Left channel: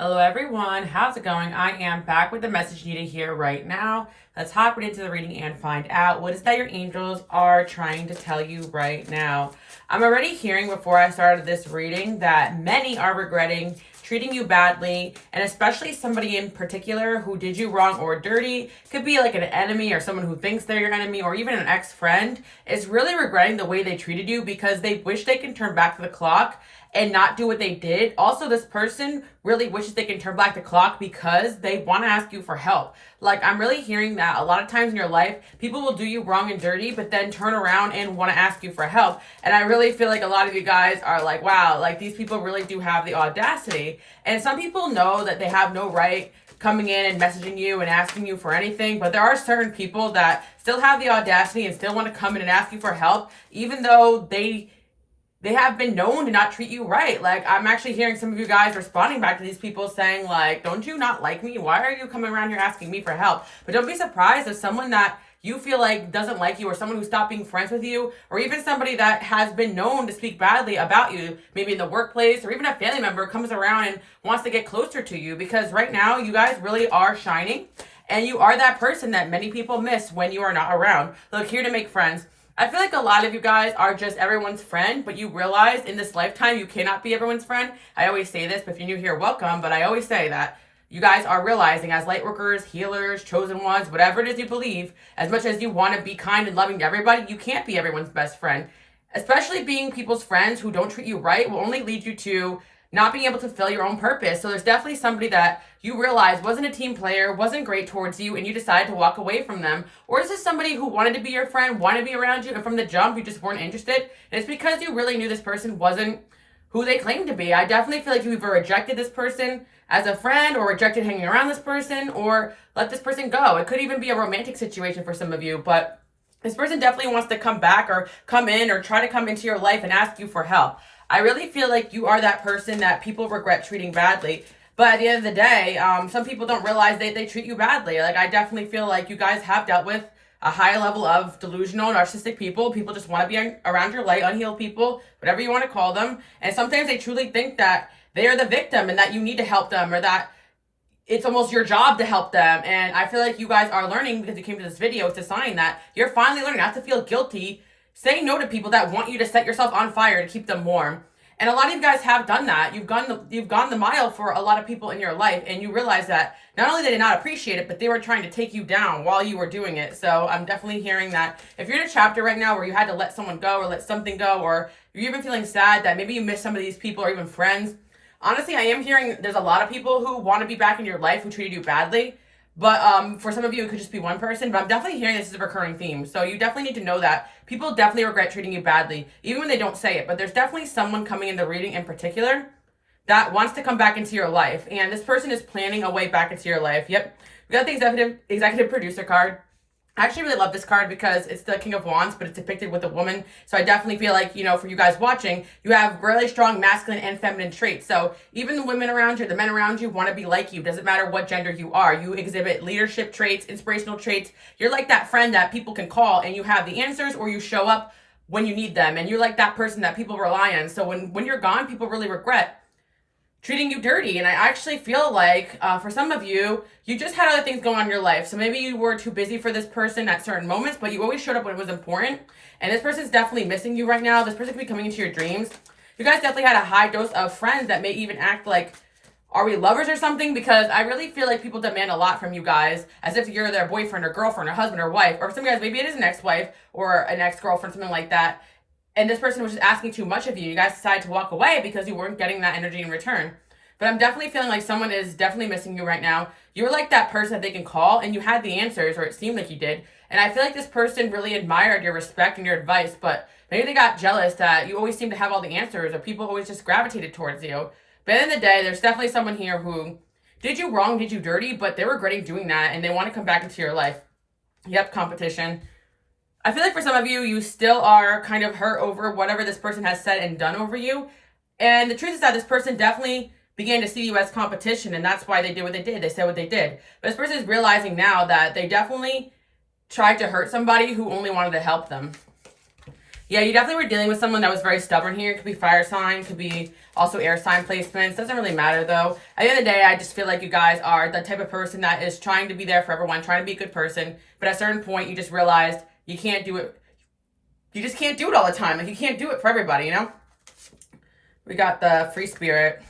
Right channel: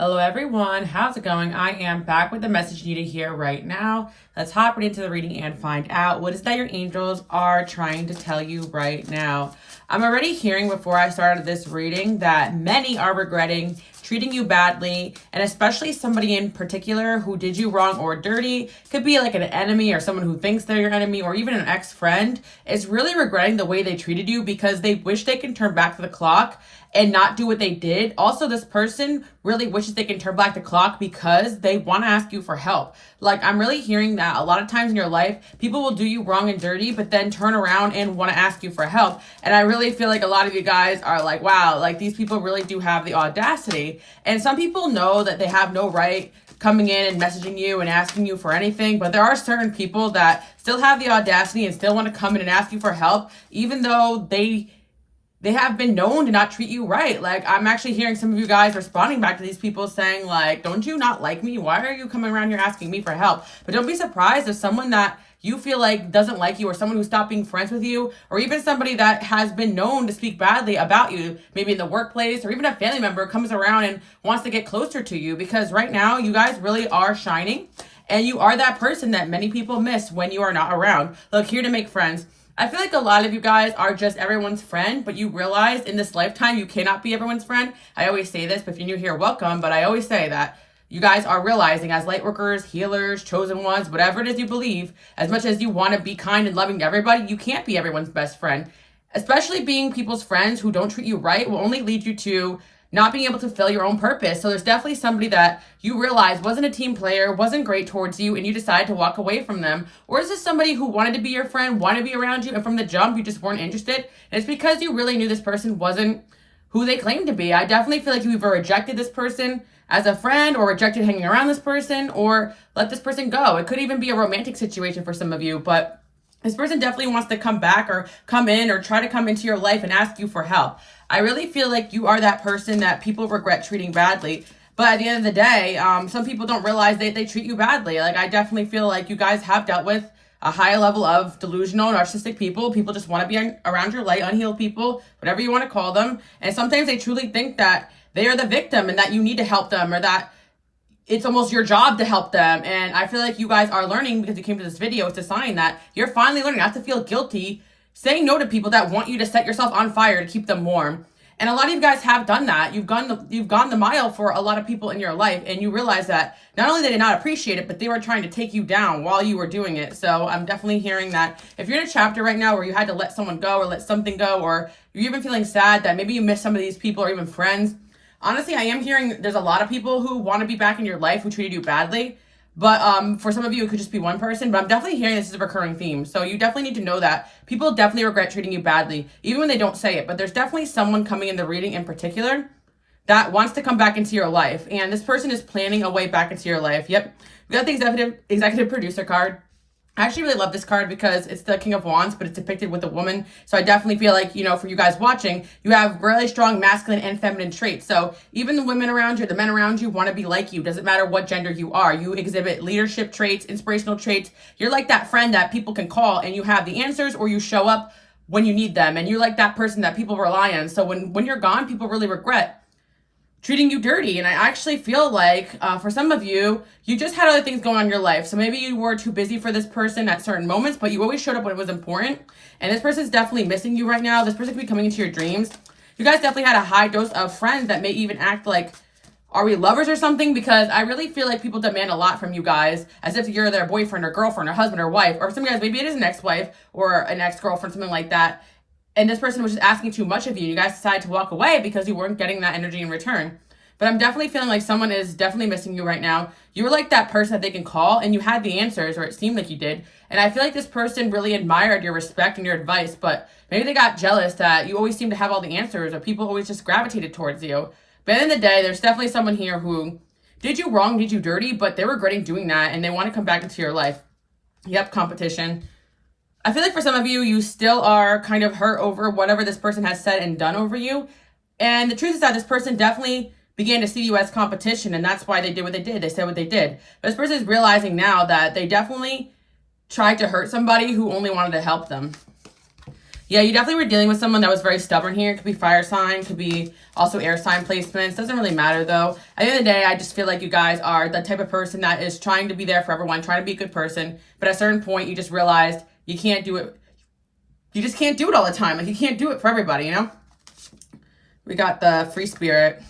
Hello everyone, how's it going? I am back with the message you need to hear right now. Let's hop right into the reading and find out what is that your angels are trying to tell you right now. I'm already hearing before I started this reading that many are regretting treating you badly, and especially somebody in particular who did you wrong or dirty. Could be like an enemy or someone who thinks they're your enemy or even an ex-friend is really regretting the way they treated you because they wish they can turn back the clock and not do what they did. Also, this person really wishes they can turn back the clock because they want to ask you for help. Like, I'm really hearing that a lot of times in your life, people will do you wrong and dirty, but then turn around and want to ask you for help. And I really feel like a lot of you guys are like, wow, like these people really do have the audacity. And some people know that they have no right coming in and messaging you and asking you for anything, but there are certain people that still have the audacity and still want to come in and ask you for help, even though they have been known to not treat you right. Like, I'm actually hearing some of you guys responding back to these people saying, like, don't you not like me? Why are you coming around here asking me for help? But don't be surprised if someone that you feel like doesn't like you, or someone who stopped being friends with you, or even somebody that has been known to speak badly about you, maybe in the workplace, or even a family member comes around and wants to get closer to you. Because right now, you guys really are shining, and you are that person that many people miss when you are not around. Look, here to make friends. I feel like a lot of you guys are just everyone's friend, but you realize in this lifetime you cannot be everyone's friend. I always say this, but if you're new here, welcome. But I always say that you guys are realizing as light workers, healers, chosen ones, whatever it is you believe, as much as you want to be kind and loving to everybody, you can't be everyone's best friend. Especially being people's friends who don't treat you right will only lead you to not being able to fulfill your own purpose. So there's definitely somebody that you realize wasn't a team player, wasn't great towards you, and you decided to walk away from them. Or is this somebody who wanted to be your friend, wanted to be around you, and from the jump you just weren't interested? And it's because you really knew this person wasn't who they claimed to be. I definitely feel like you either rejected this person as a friend, or rejected hanging around this person, or let this person go. It could even be a romantic situation for some of you, but this person definitely wants to come back or come in or try to come into your life and ask you for help. I really feel like you are that person that people regret treating badly. But at the end of the day, some people don't realize they treat you badly. Like, I definitely feel like you guys have dealt with a high level of delusional, narcissistic people. People just want to be around your light, unhealed people, whatever you want to call them. And sometimes they truly think that they are the victim and that you need to help them, or that it's almost your job to help them. And I feel like you guys are learning, because you came to this video. It's a sign that you're finally learning not to feel guilty saying no to people that want you to set yourself on fire to keep them warm. And a lot of you guys have done that. You've gone the mile for a lot of people in your life, and you realize that not only did they not appreciate it, but they were trying to take you down while you were doing it. So I'm definitely hearing that if you're in a chapter right now where you had to let someone go or let something go, or you're even feeling sad that maybe you miss some of these people or even friends, honestly, I am hearing there's a lot of people who want to be back in your life who treated you badly. But for some of you, it could just be one person. But I'm definitely hearing this is a recurring theme. So you definitely need to know that people definitely regret treating you badly, even when they don't say it. But there's definitely someone coming in the reading in particular that wants to come back into your life. And this person is planning a way back into your life. Yep. We got the executive producer card. I actually really love this card because it's the King of Wands, but it's depicted with a woman. So I definitely feel like, for you guys watching, you have really strong masculine and feminine traits. So even the women around you, the men around you want to be like you. Doesn't matter what gender you are. You exhibit leadership traits, inspirational traits. You're like that friend that people can call and you have the answers, or you show up when you need them. And you're like that person that people rely on. So when you're gone, people really regret treating you dirty. And I actually feel like for some of you, you just had other things going on in your life. So maybe you were too busy for this person at certain moments, but you always showed up when it was important. And this person's definitely missing you right now. This person could be coming into your dreams. You guys definitely had a high dose of friends that may even act like, are we lovers or something? Because I really feel like people demand a lot from you guys, as if you're their boyfriend or girlfriend or husband or wife. Or some guys, maybe it is an ex-wife or an ex-girlfriend, something like that. And this person was just asking too much of you. You guys decided to walk away because you weren't getting that energy in return. But I'm definitely feeling like someone is definitely missing you right now. You were like that person that they can call, and you had the answers, or it seemed like you did. And I feel like this person really admired your respect and your advice, but maybe they got jealous that you always seem to have all the answers, or people always just gravitated towards you. But at the end of the day, there's definitely someone here who did you wrong, did you dirty, but they're regretting doing that, and they want to come back into your life. Yep, competition. I feel like for some of you, you still are kind of hurt over whatever this person has said and done over you. And the truth is that this person definitely began to see you as competition, and that's why they did what they did. They said what they did. But this person is realizing now that they definitely tried to hurt somebody who only wanted to help them. Yeah, you definitely were dealing with someone that was very stubborn here. It could be fire sign, could be also air sign placements. Doesn't really matter though. At the end of the day, I just feel like you guys are the type of person that is trying to be there for everyone, trying to be a good person. But at a certain point, you just realized you can't do it. You just can't do it all the time. Like, you can't do it for everybody, you know? We got the free spirit.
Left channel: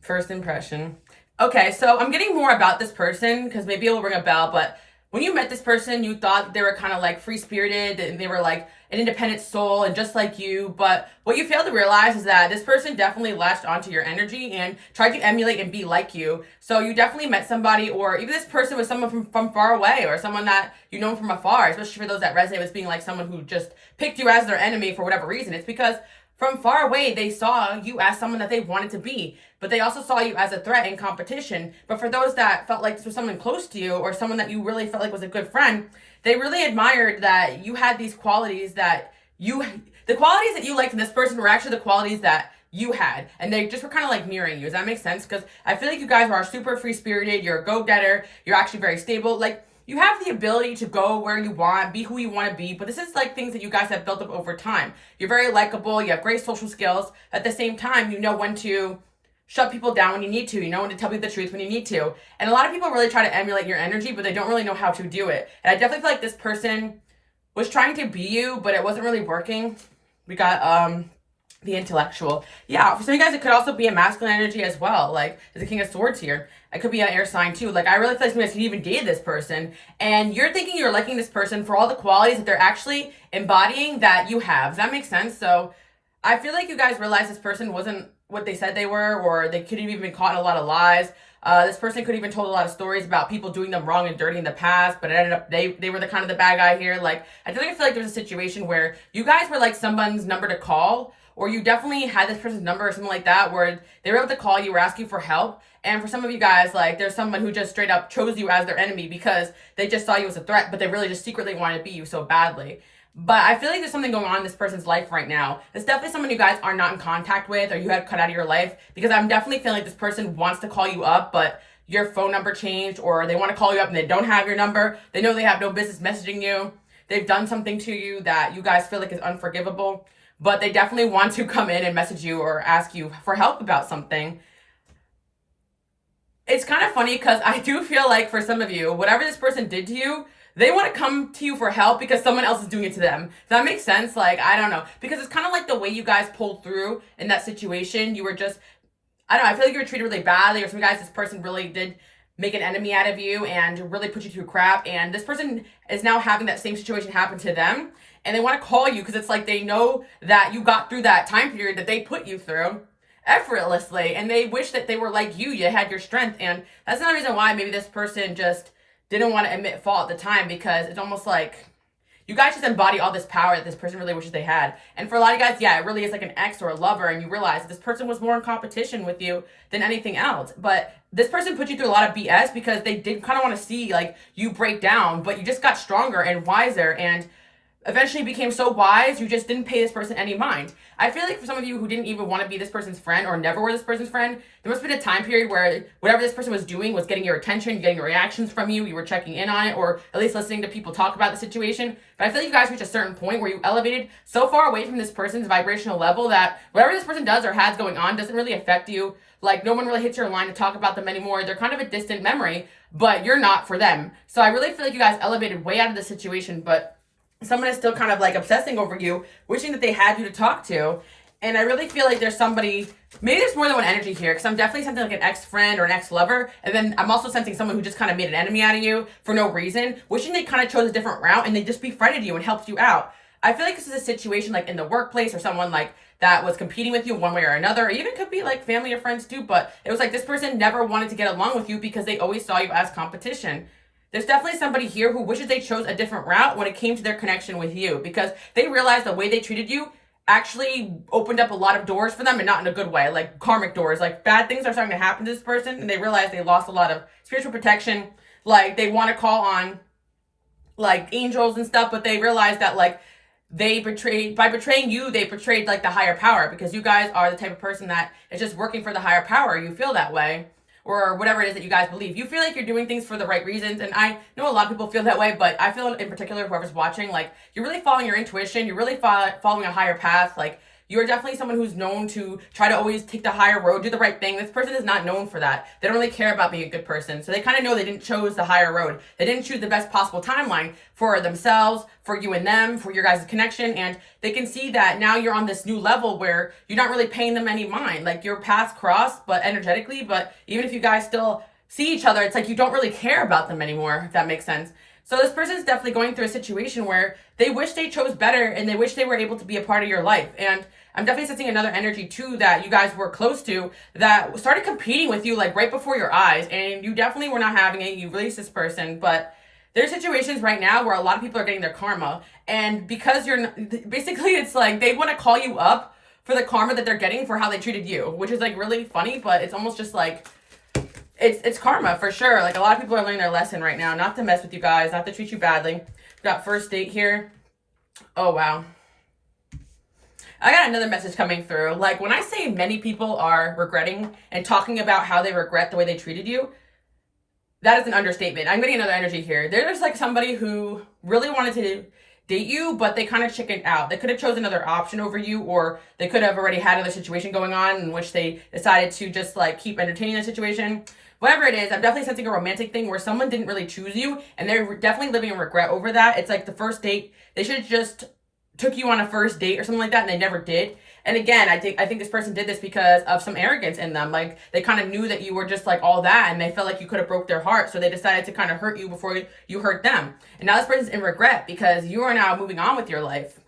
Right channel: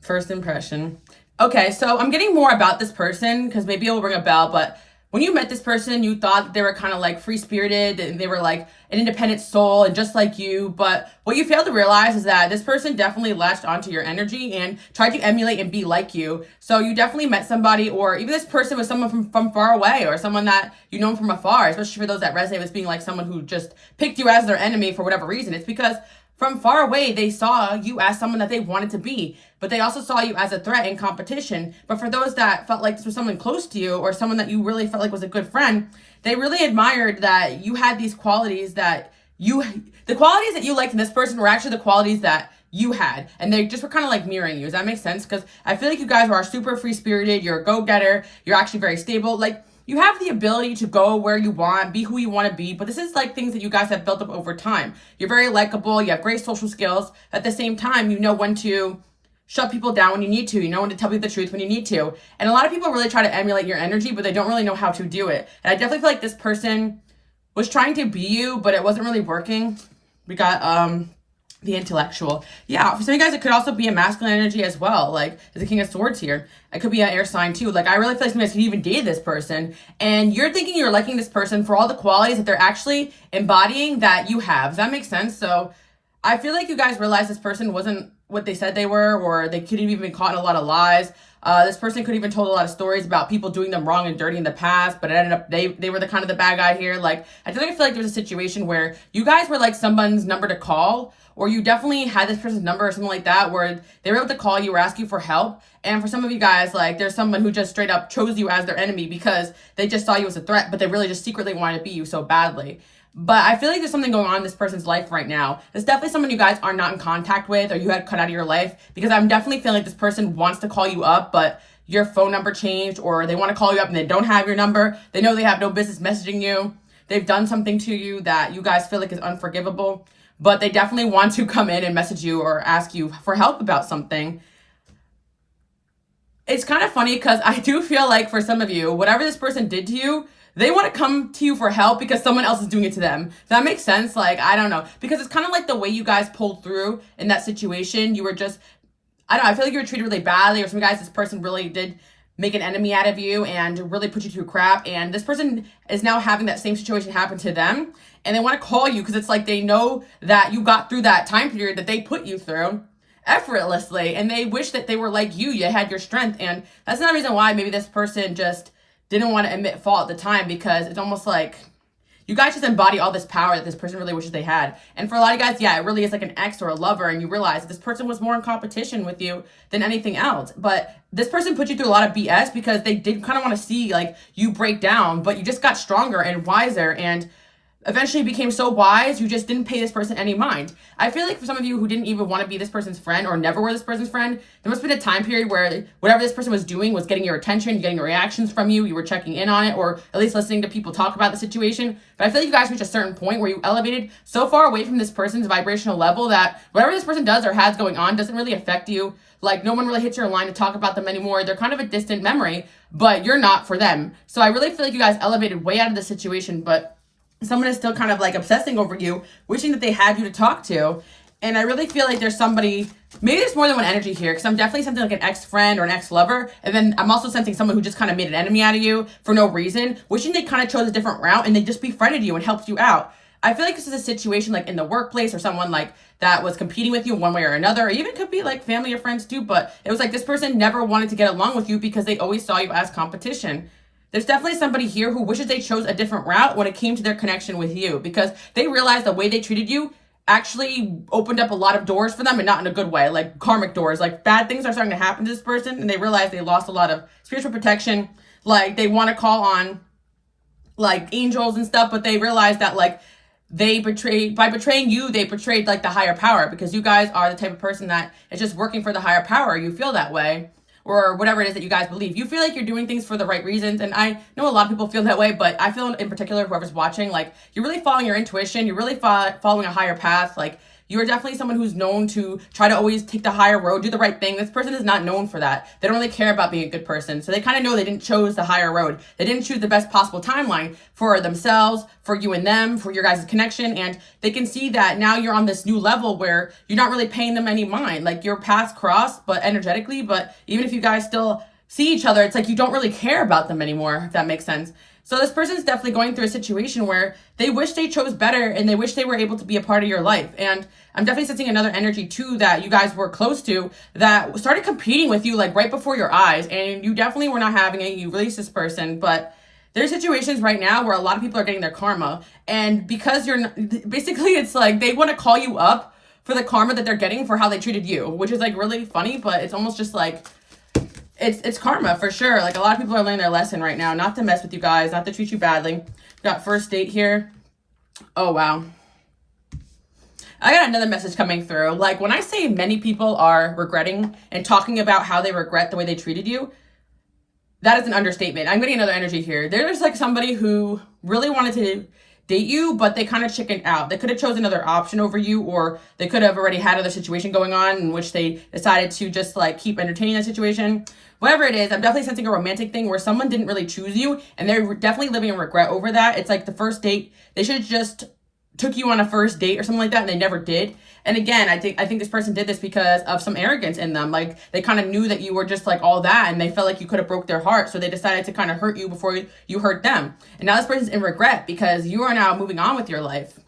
First impression. Okay, so I'm getting more about this person because maybe it will ring a bell, but when you met this person, you thought they were kind of like free-spirited and they were like an independent soul and just like you. But what you fail to realize is that this person definitely latched onto your energy and tried to emulate and be like you. So you definitely met somebody, or even this person was someone from far away, or someone that you know from afar, especially for those that resonate with being like someone who just picked you as their enemy for whatever reason. It's because from far away, they saw you as someone that they wanted to be, but they also saw you as a threat and competition. But for those that felt like this was someone close to you or someone that you really felt like was a good friend, they really admired that you had these qualities that the qualities that you liked in this person were actually the qualities that you had. And they just were kind of like mirroring you. Does that make sense? Because I feel like you guys are super free-spirited. You're a go-getter. You're actually very stable. Like, you have the ability to go where you want, be who you want to be, but this is like things that you guys have built up over time. You're very likable. You have great social skills. At the same time, you know when to shut people down when you need to. You know when to tell people the truth when you need to. And a lot of people really try to emulate your energy, but they don't really know how to do it. And I definitely feel like this person was trying to be you, but it wasn't really working. We got the intellectual. Yeah, for some of you guys, it could also be a masculine energy as well. Like, the King of Swords here. It could be an air sign too. Like, I really feel like some of you guys could even date this person. And you're thinking you're liking this person for all the qualities that they're actually embodying that you have. Does that make sense? So I feel like you guys realize this person wasn't what they said they were, or they could have even been caught in a lot of lies. This person could have even told a lot of stories about people doing them wrong and dirty in the past, but it ended up they were the kind of the bad guy here. Like, I feel like there was a situation where you guys were like someone's number to call, or you definitely had this person's number or something like that, where they were able to call you or ask you for help. And for some of you guys, like, there's someone who just straight up chose you as their enemy because they just saw you as a threat, but they really just secretly wanted to be you so badly. But I feel like there's something going on in this person's life right now. It's definitely someone you guys are not in contact with, or you had cut out of your life, because I'm definitely feeling like this person wants to call you up, but your phone number changed, or they want to call you up and they don't have your number. They know they have no business messaging you. They've done something to you that you guys feel like is unforgivable, but they definitely want to come in and message you or ask you for help about something. It's kind of funny because I do feel like for some of you, whatever this person did to you, they want to come to you for help because someone else is doing it to them. Does that make sense? Like, I don't know. Because it's kind of like the way you guys pulled through in that situation. You were just, I don't know, I feel like you were treated really badly, or some guys, this person really did make an enemy out of you and really put you through crap. And this person is now having that same situation happen to them. And they want to call you because it's like they know that you got through that time period that they put you through effortlessly. And they wish that they were like you had your strength. And that's another reason why maybe this person just didn't want to admit fault at the time, because it's almost like you guys just embody all this power that this person really wishes they had. And for a lot of guys, yeah, it really is like an ex or a lover, and you realize that this person was more in competition with you than anything else. But this person put you through a lot of BS because they did kind of want to see like you break down, but you just got stronger and wiser, and eventually became so wise, you just didn't pay this person any mind. I feel like for some of you who didn't even want to be this person's friend or never were this person's friend, there must have been a time period where whatever this person was doing was getting your attention, getting reactions from you, you were checking in on it, or at least listening to people talk about the situation. But I feel like you guys reached a certain point where you elevated so far away from this person's vibrational level that whatever this person does or has going on doesn't really affect you. Like, no one really hits your line to talk about them anymore. They're kind of a distant memory, but you're not for them. So I really feel like you guys elevated way out of the situation, but someone is still kind of like obsessing over you, wishing that they had you to talk to. And I really feel like there's somebody, maybe there's more than one energy here, because I'm definitely sensing like an ex-friend or an ex-lover. And then I'm also sensing someone who just kind of made an enemy out of you for no reason, wishing they kind of chose a different route and they just befriended you and helped you out. I feel like this is a situation like in the workplace, or someone like that was competing with you one way or another, or even could be like family or friends too. But it was like this person never wanted to get along with you because they always saw you as competition. There's definitely somebody here who wishes they chose a different route when it came to their connection with you, because they realized the way they treated you actually opened up a lot of doors for them, and not in a good way, like karmic doors. Like, bad things are starting to happen to this person, and they realized they lost a lot of spiritual protection. Like, they want to call on like angels and stuff, but they realized that like by betraying you, they betrayed like the higher power, because you guys are the type of person that is just working for the higher power. You feel that way. or whatever it is that you guys believe. You feel like you're doing things for the right reasons. And I know a lot of people feel that way, but I feel in particular, whoever's watching, like, you're really following your intuition. You're really following a higher path. Like, you're definitely someone who's known to try to always take the higher road, do the right thing. This person is not known for that. They don't really care about being a good person. So they kind of know they didn't choose the higher road. They didn't choose the best possible timeline for themselves, for you and them, for your guys' connection. And they can see that now you're on this new level where you're not really paying them any mind. Like, your paths cross, but energetically. But even if you guys still see each other, it's like you don't really care about them anymore, if that makes sense. So this person is definitely going through a situation where they wish they chose better and they wish they were able to be a part of your life. And I'm definitely sensing another energy too that you guys were close to that started competing with you like right before your eyes, and you definitely were not having it. You released this person, but there's situations right now where a lot of people are getting their karma, and because you're not, basically it's like they want to call you up for the karma that they're getting for how they treated you, which is like really funny, but it's almost just like it's karma for sure. Like, a lot of people are learning their lesson right now, not to mess with you guys, not to treat you badly. We got first date here. Oh wow. I got another message coming through. Like, when I say many people are regretting and talking about how they regret the way they treated you, that is an understatement. I'm getting another energy here. There's like somebody who really wanted to date you, but they kind of chickened out. They could have chosen another option over you, or they could have already had another situation going on in which they decided to just like keep entertaining the situation. Whatever it is, I'm definitely sensing a romantic thing where someone didn't really choose you, and they're definitely living in regret over that. It's like the first date, they should have just took you on a first date or something like that, and they never did. And again, I think this person did this because of some arrogance in them. Like, they kind of knew that you were just like all that, and they felt like you could have broke their heart, so they decided to kind of hurt you before you hurt them. And now this person's in regret because you are now moving on with your life.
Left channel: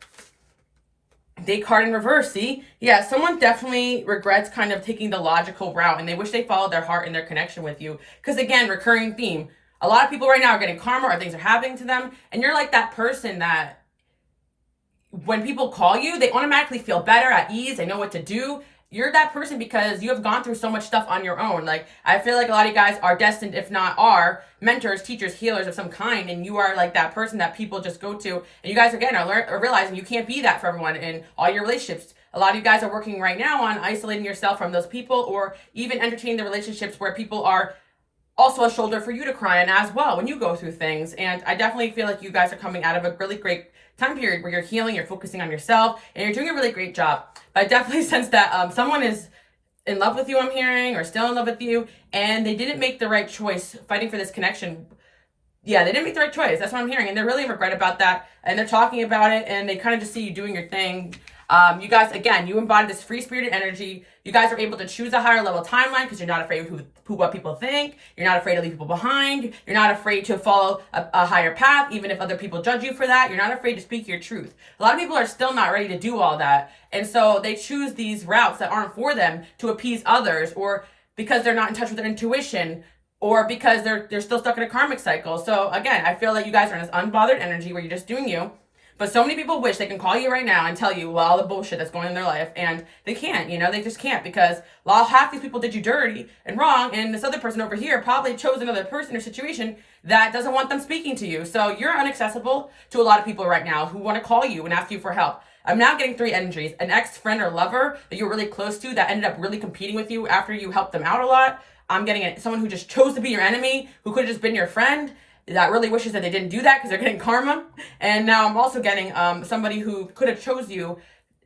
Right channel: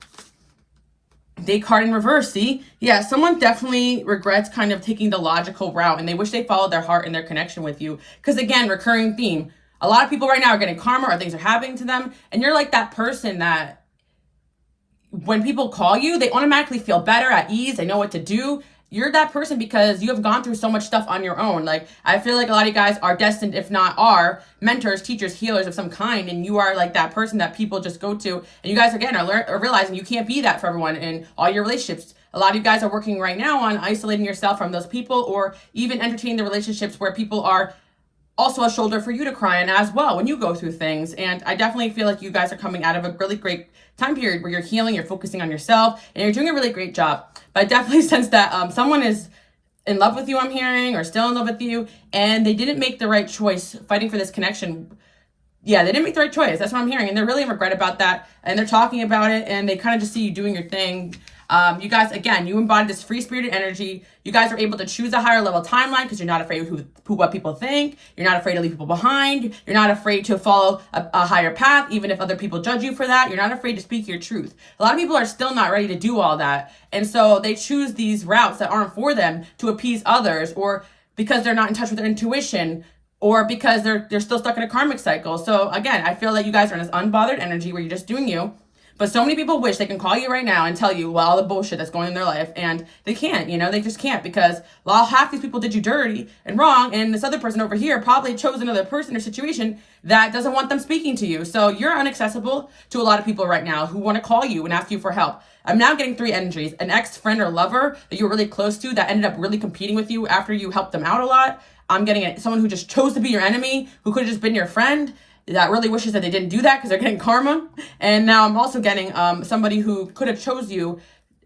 Date card in reverse, see? Yeah, someone definitely regrets kind of taking the logical route, and they wish they followed their heart and their connection with you. Because again, recurring theme. A lot of people right now are getting karma, or things are happening to them, and you're like that person that when people call you, they automatically feel better, at ease, they know what to do. You're that person because you have gone through so much stuff on your own. Like, I feel like a lot of you guys are destined, if not are, mentors, teachers, healers of some kind, and you are like that person that people just go to. And you guys, again, are realizing you can't be that for everyone in all your relationships. A lot of you guys are working right now on isolating yourself from those people, or even entertaining the relationships where people are also a shoulder for you to cry on as well when you go through things. And I definitely feel like you guys are coming out of a really great time period where you're healing, you're focusing on yourself, and you're doing a really great job. But I definitely sense that someone is in love with you, I'm hearing, or still in love with you, and they didn't make the right choice fighting for this connection. Yeah, they didn't make the right choice. That's what I'm hearing. And they're really in regret about that. And they're talking about it, and they kind of just see you doing your thing. You guys, again, you embody this free-spirited energy. You guys are able to choose a higher level timeline because you're not afraid of what people think. You're not afraid to leave people behind. You're not afraid to follow a higher path, even if other people judge you for that. You're not afraid to speak your truth. A lot of people are still not ready to do all that. And so they choose these routes that aren't for them to appease others, or because they're not in touch with their intuition, or because they're still stuck in a karmic cycle. So again, I feel like you guys are in this unbothered energy where you're just doing you. But so many people wish they can call you right now and tell you all the bullshit that's going in their life, and they can't, they just can't, because half these people did you dirty and wrong, and this other person over here probably chose another person or situation that doesn't want them speaking to you. So you're inaccessible to a lot of people right now who want to call you and ask you for help. I'm now getting 3 energies: an ex, friend, or lover that you were really close to that ended up really competing with you after you helped them out a lot. I'm getting someone who just chose to be your enemy, who could have just been your friend, that really wishes that they didn't do that because they're getting karma. And now I'm also getting somebody who could have chose you,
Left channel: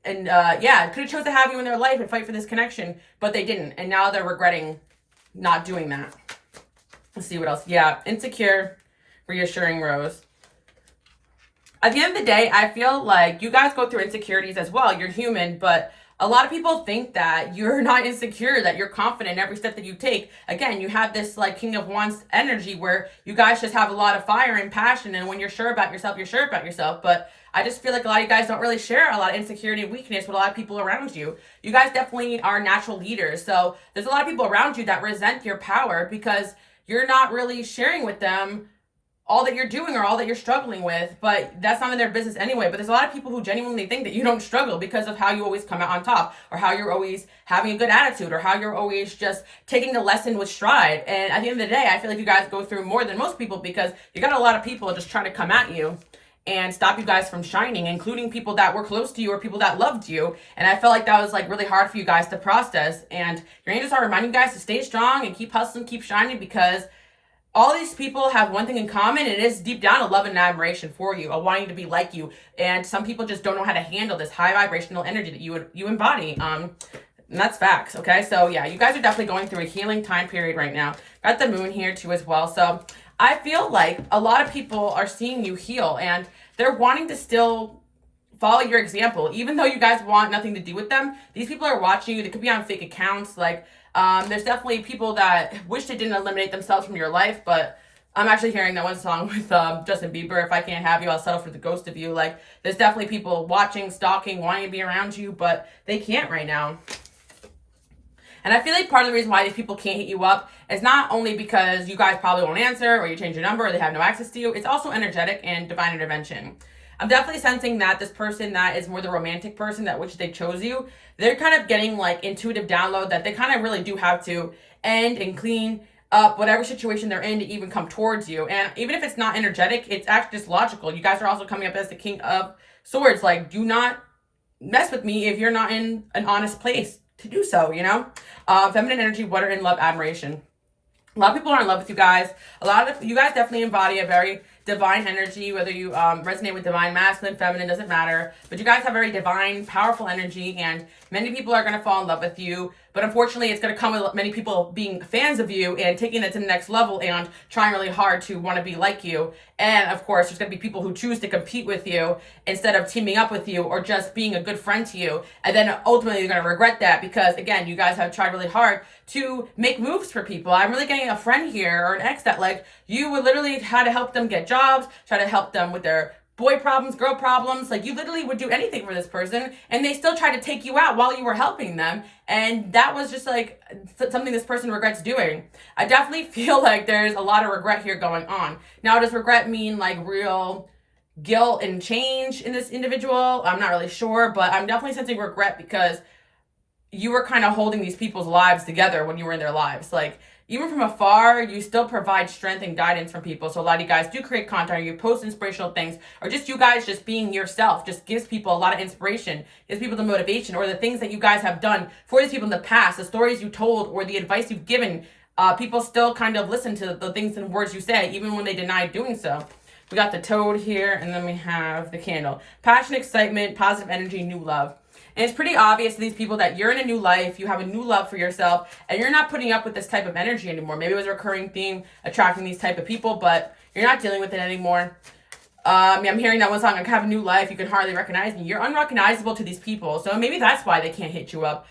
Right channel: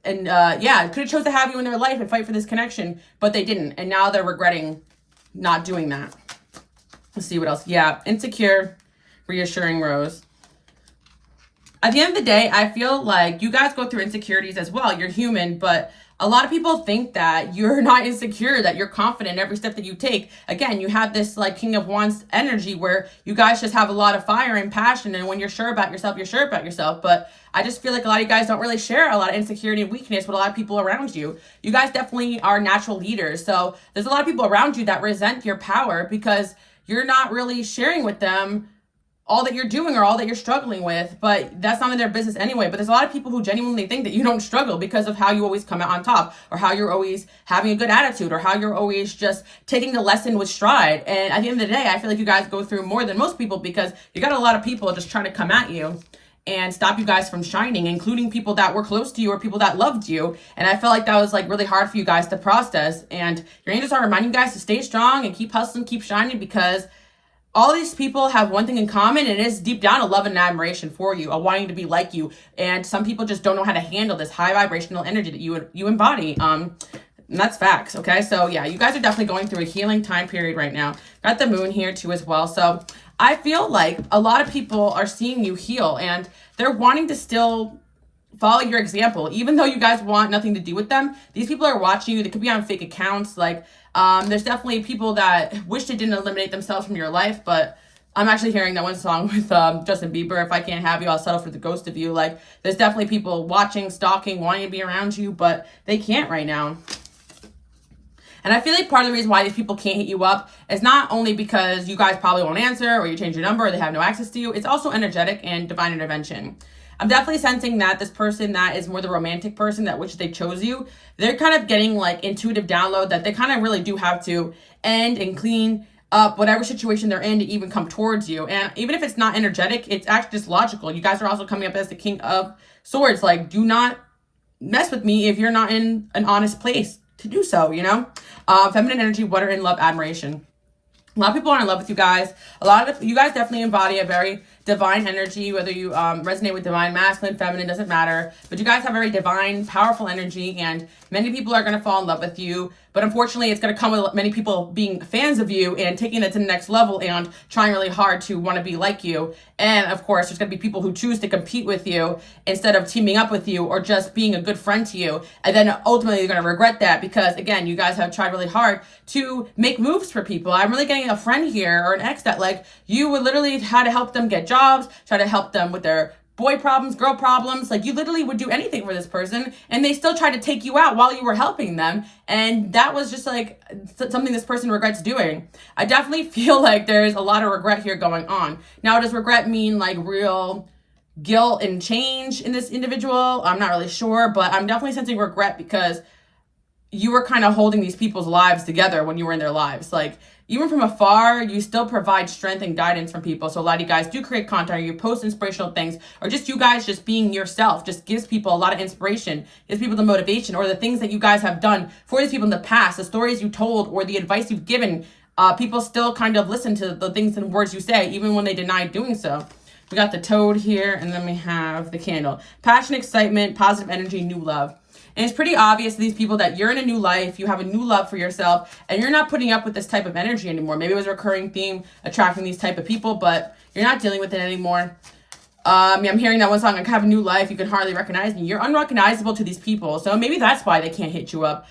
and could have chose to have you in their life and fight for this connection, but they didn't, and now they're regretting not doing that. Let's see what else. Yeah, insecure, reassuring rose. At the end of the day, I feel like you guys go through insecurities as well. You're human, but a lot of people think that you're not insecure, that you're confident in every step that you take. Again, you have this like King of Wands energy where you guys just have a lot of fire and passion, and when you're sure about yourself, you're sure about yourself. But I just feel like a lot of you guys don't really share a lot of insecurity and weakness with a lot of people around you. You guys definitely are natural leaders. So there's a lot of people around you that resent your power because you're not really sharing with them all that you're doing or all that you're struggling with, but that's none of their business anyway. But there's a lot of people who genuinely think that you don't struggle because of how you always come out on top, or how you're always having a good attitude, or how you're always just taking the lesson with stride. And at the end of the day, I feel like you guys go through more than most people because you got a lot of people just trying to come at you. and stop you guys from shining, including people that were close to you or people that loved you. And I felt like that was like really hard for you guys to process. And your angels are reminding you guys to stay strong and keep hustling, keep shining, because all these people have one thing in common, and it is deep down a love and admiration for you, a wanting to be like you. And some people just don't know how to handle this high vibrational energy that you embody. And that's facts, okay? So yeah, you guys are definitely going through a healing time period right now. Got the moon here too as well. So I feel like a lot of people are seeing you heal, and they're wanting to still follow your example. Even though you guys want nothing to do with them, these people are watching you. They could be on fake accounts. Like, there's definitely people that wish they didn't eliminate themselves from your life, but I'm actually hearing that one song with Justin Bieber, "If I Can't Have You, I'll Settle for the Ghost of You." Like, there's definitely people watching, stalking, wanting to be around you, but they can't right now. And I feel like part of the reason why these people can't hit you up is not only because you guys probably won't answer, or you change your number, or they have no access to you. It's also energetic and divine intervention. I'm definitely sensing that this person that is more the romantic person that which they chose you, they're kind of getting like intuitive download that they kind of really do have to end and clean up whatever situation they're in to even come towards you. And even if it's not energetic, it's actually just logical. You guys are also coming up as the King of Swords. Like, do not mess with me if you're not in an honest place to do so, you know? Feminine energy, water, and love, admiration. A lot of people are in love with you guys. A lot of you guys definitely embody a very divine energy, whether you resonate with divine, masculine, feminine, doesn't matter. But you guys have very divine, powerful energy, and many people are going to fall in love with you. But unfortunately, it's going to come with many people being fans of you and taking it to the next level and trying really hard to want to be like you. And of course, there's going to be people who choose to compete with you instead of teaming up with you or just being a good friend to you. And then ultimately, you're going to regret that because, again, you guys have tried really hard to make moves for people. I'm really getting a friend here or an ex that, like, you would literally try to help them get jobs, try to help them with their boy problems, girl problems. Like, you literally would do anything for this person, and they still tried to take you out while you were helping them. And that was just like something this person regrets doing. I definitely feel like there's a lot of regret here going on. Now, does regret mean like real guilt and change in this individual? I'm not really sure, but I'm definitely sensing regret because you were kind of holding these people's lives together when you were in their lives. Like, even from afar, you still provide strength and guidance from people. So a lot of you guys do create content, or you post inspirational things, or just you guys just being yourself just gives people a lot of inspiration, gives people the motivation, or the things that you guys have done for these people in the past, the stories you told, or the advice you've given. People still kind of listen to the things and words you say, even when they deny doing so. We got the toad here, and then we have the candle. Passion, excitement, positive energy, new love. And it's pretty obvious to these people that you're in a new life, you have a new love for yourself, and you're not putting up with this type of energy anymore. Maybe it was a recurring theme, attracting these type of people, but you're not dealing with it anymore. I'm hearing that one song, like, have a new life, you can hardly recognize me. You're unrecognizable to these people, so maybe that's why they can't hit you up.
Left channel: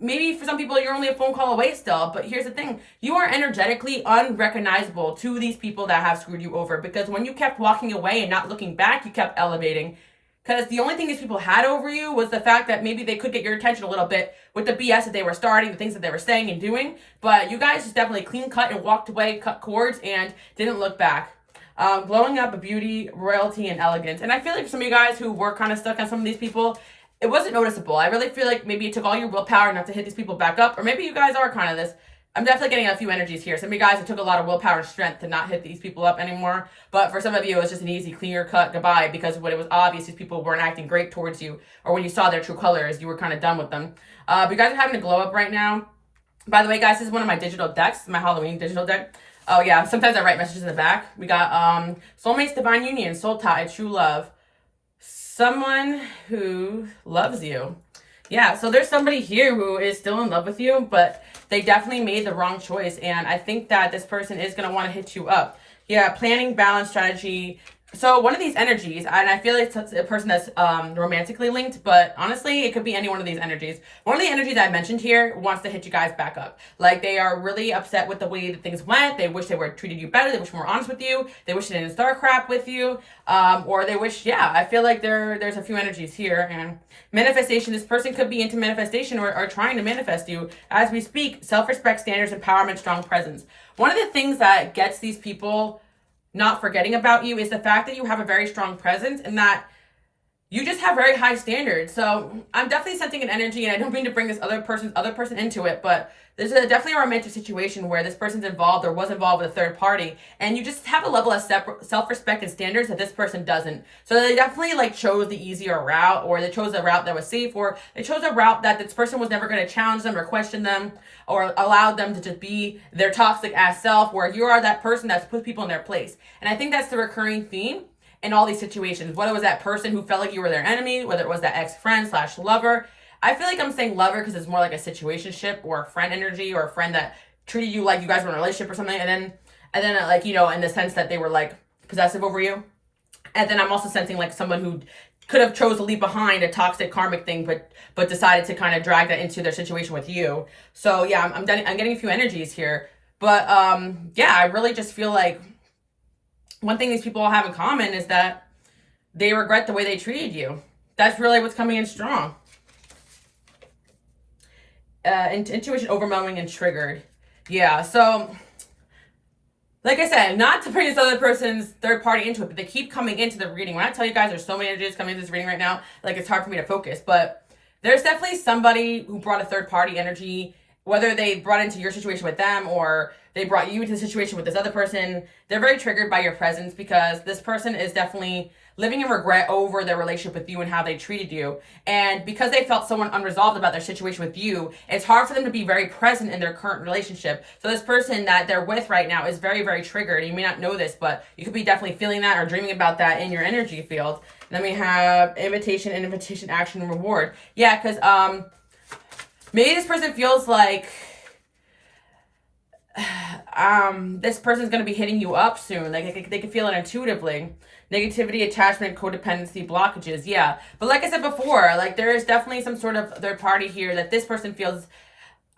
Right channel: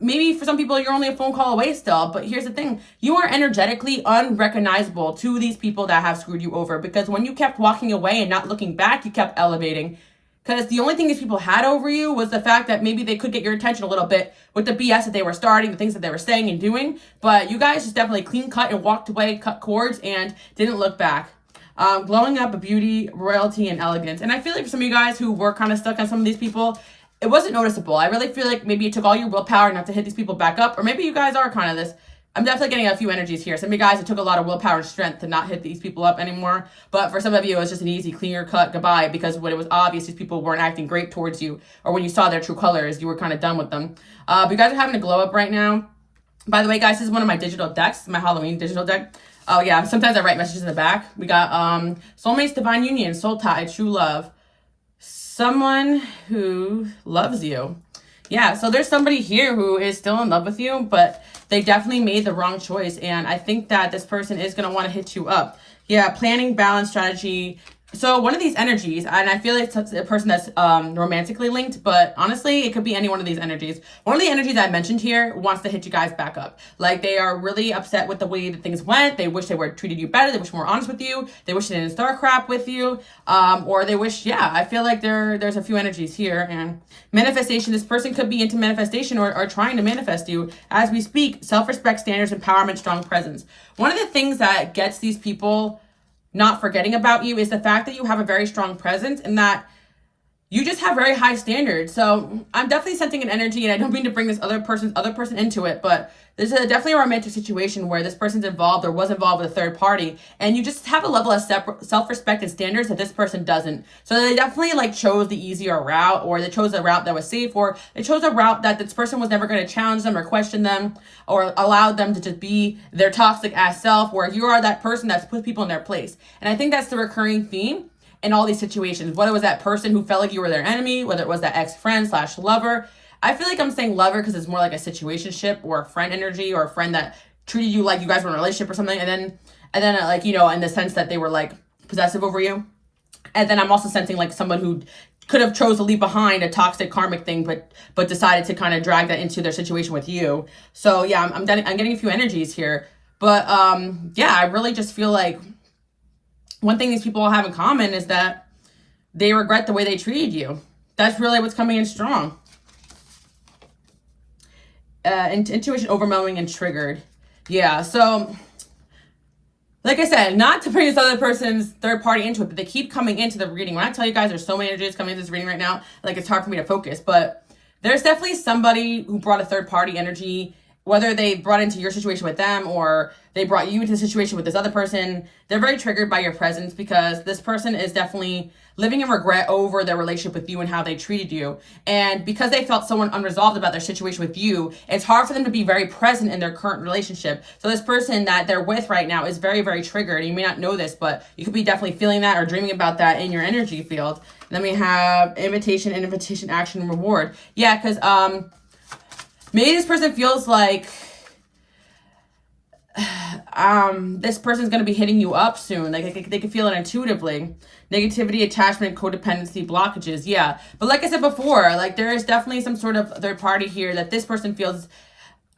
Maybe for some people, you're only a phone call away still, but here's the thing. You are energetically unrecognizable to these people that have screwed you over, because when you kept walking away and not looking back, you kept elevating. Because the only thing these people had over you was the fact that maybe they could get your attention a little bit with the BS that they were starting, the things that they were saying and doing. But you guys just definitely clean cut and walked away, cut cords, and didn't look back. Glowing up, beauty, royalty, and elegance. And I feel like for some of you guys who were kind of stuck on some of these people, it wasn't noticeable. I really feel like maybe it took all your willpower not to hit these people back up. Or maybe you guys are kind of this. I'm definitely getting a few energies here. Some of you guys, it took a lot of willpower and strength to not hit these people up anymore. But for some of you, it was just an easy, cleaner cut goodbye, because when it was obvious these people weren't acting great towards you, or when you saw their true colors, you were kind of done with them. But you guys are having a glow up right now. By the way, guys, this is one of my digital decks, my Halloween digital deck. Oh, yeah, sometimes I write messages in the back. We got soulmates, divine union, soul tie, true love. Someone who loves you. Yeah, so there's somebody here who is still in love with you, but they definitely made the wrong choice. And I think that this person is going to want to hit you up. Yeah, planning, balance, strategy. So one of these energies, and I feel like it's a person that's romantically linked, but honestly, it could be any one of these energies. One of the energies I mentioned here wants to hit you guys back up. Like, they are really upset with the way that things went. They wish they were treated you better. They wish more honest with you. They wish they didn't start crap with you. Or they wish, yeah, I feel like there's a few energies here. And manifestation, this person could be into manifestation or trying to manifest you as we speak. Self-respect, standards, empowerment, strong presence. One of the things that gets these people not forgetting about you is the fact that you have a very strong presence, and that you just have very high standards. So I'm definitely sensing an energy, and I don't mean to bring this other person into it, but there's definitely a romantic situation where this person's involved or was involved with a third party, and you just have a level of self-respect and standards that this person doesn't. So they definitely like chose the easier route, or they chose a route that was safe, or they chose a route that this person was never going to challenge them or question them or allow them to just be their toxic ass self, where you are that person that's put people in their place. And I think that's the recurring theme in all these situations, whether it was that person who felt like you were their enemy, whether it was that ex-friend / lover. I feel like I'm saying lover because it's more like a situationship or a friend energy, or a friend that treated you like you guys were in a relationship or something, and then like, you know, in the sense that they were like possessive over you. And then I'm also sensing like someone who could have chose to leave behind a toxic karmic thing, but decided to kind of drag that into their situation with you. So yeah, I'm getting a few energies here, but yeah, I really just feel like one thing these people all have in common is that they regret the way they treated you. That's really what's coming in strong. Intuition overwhelming and triggered. Yeah, so like I said, not to bring this other person's third party into it, but they keep coming into the reading. When I tell you guys there's so many energies coming into this reading right now, like it's hard for me to focus, but there's definitely somebody who brought a third party energy, whether they brought into your situation with them or they brought you into the situation with this other person. They're very triggered by your presence because this person is definitely living in regret over their relationship with you and how they treated you. And because they felt so unresolved about their situation with you, it's hard for them to be very present in their current relationship. So this person that they're with right now is very, very triggered. You may not know this, but you could be definitely feeling that or dreaming about that in your energy field. Then we have invitation, action, reward. Yeah, because maybe this person feels like this person's going to be hitting you up soon. Like they can feel it intuitively. Negativity, attachment, codependency, blockages. Yeah. But like I said before, like there is definitely some sort of third party here that this person feels.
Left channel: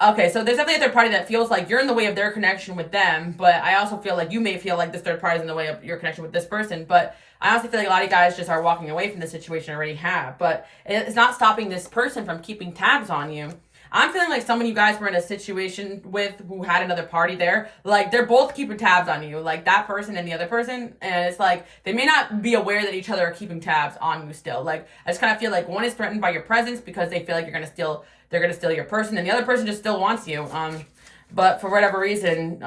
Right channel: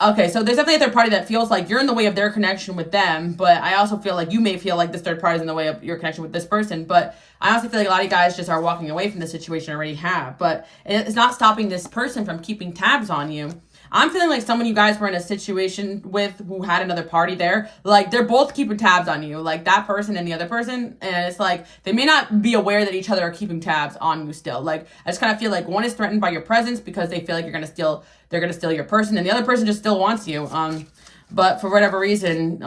Okay, so there's definitely a third party that feels like you're in the way of their connection with them. But I also feel like you may feel like this third party is in the way of your connection with this person. But I honestly feel like a lot of you guys just are walking away from the situation already have. But it's not stopping this person from keeping tabs on you. I'm feeling like someone you guys were in a situation with who had another party there. Like, they're both keeping tabs on you. Like, that person and the other person. And it's like, they may not be aware that each other are keeping tabs on you still. Like, I just kind of feel like one is threatened by your presence because they feel like they're going to steal your person. And the other person just still wants you. But for whatever reason,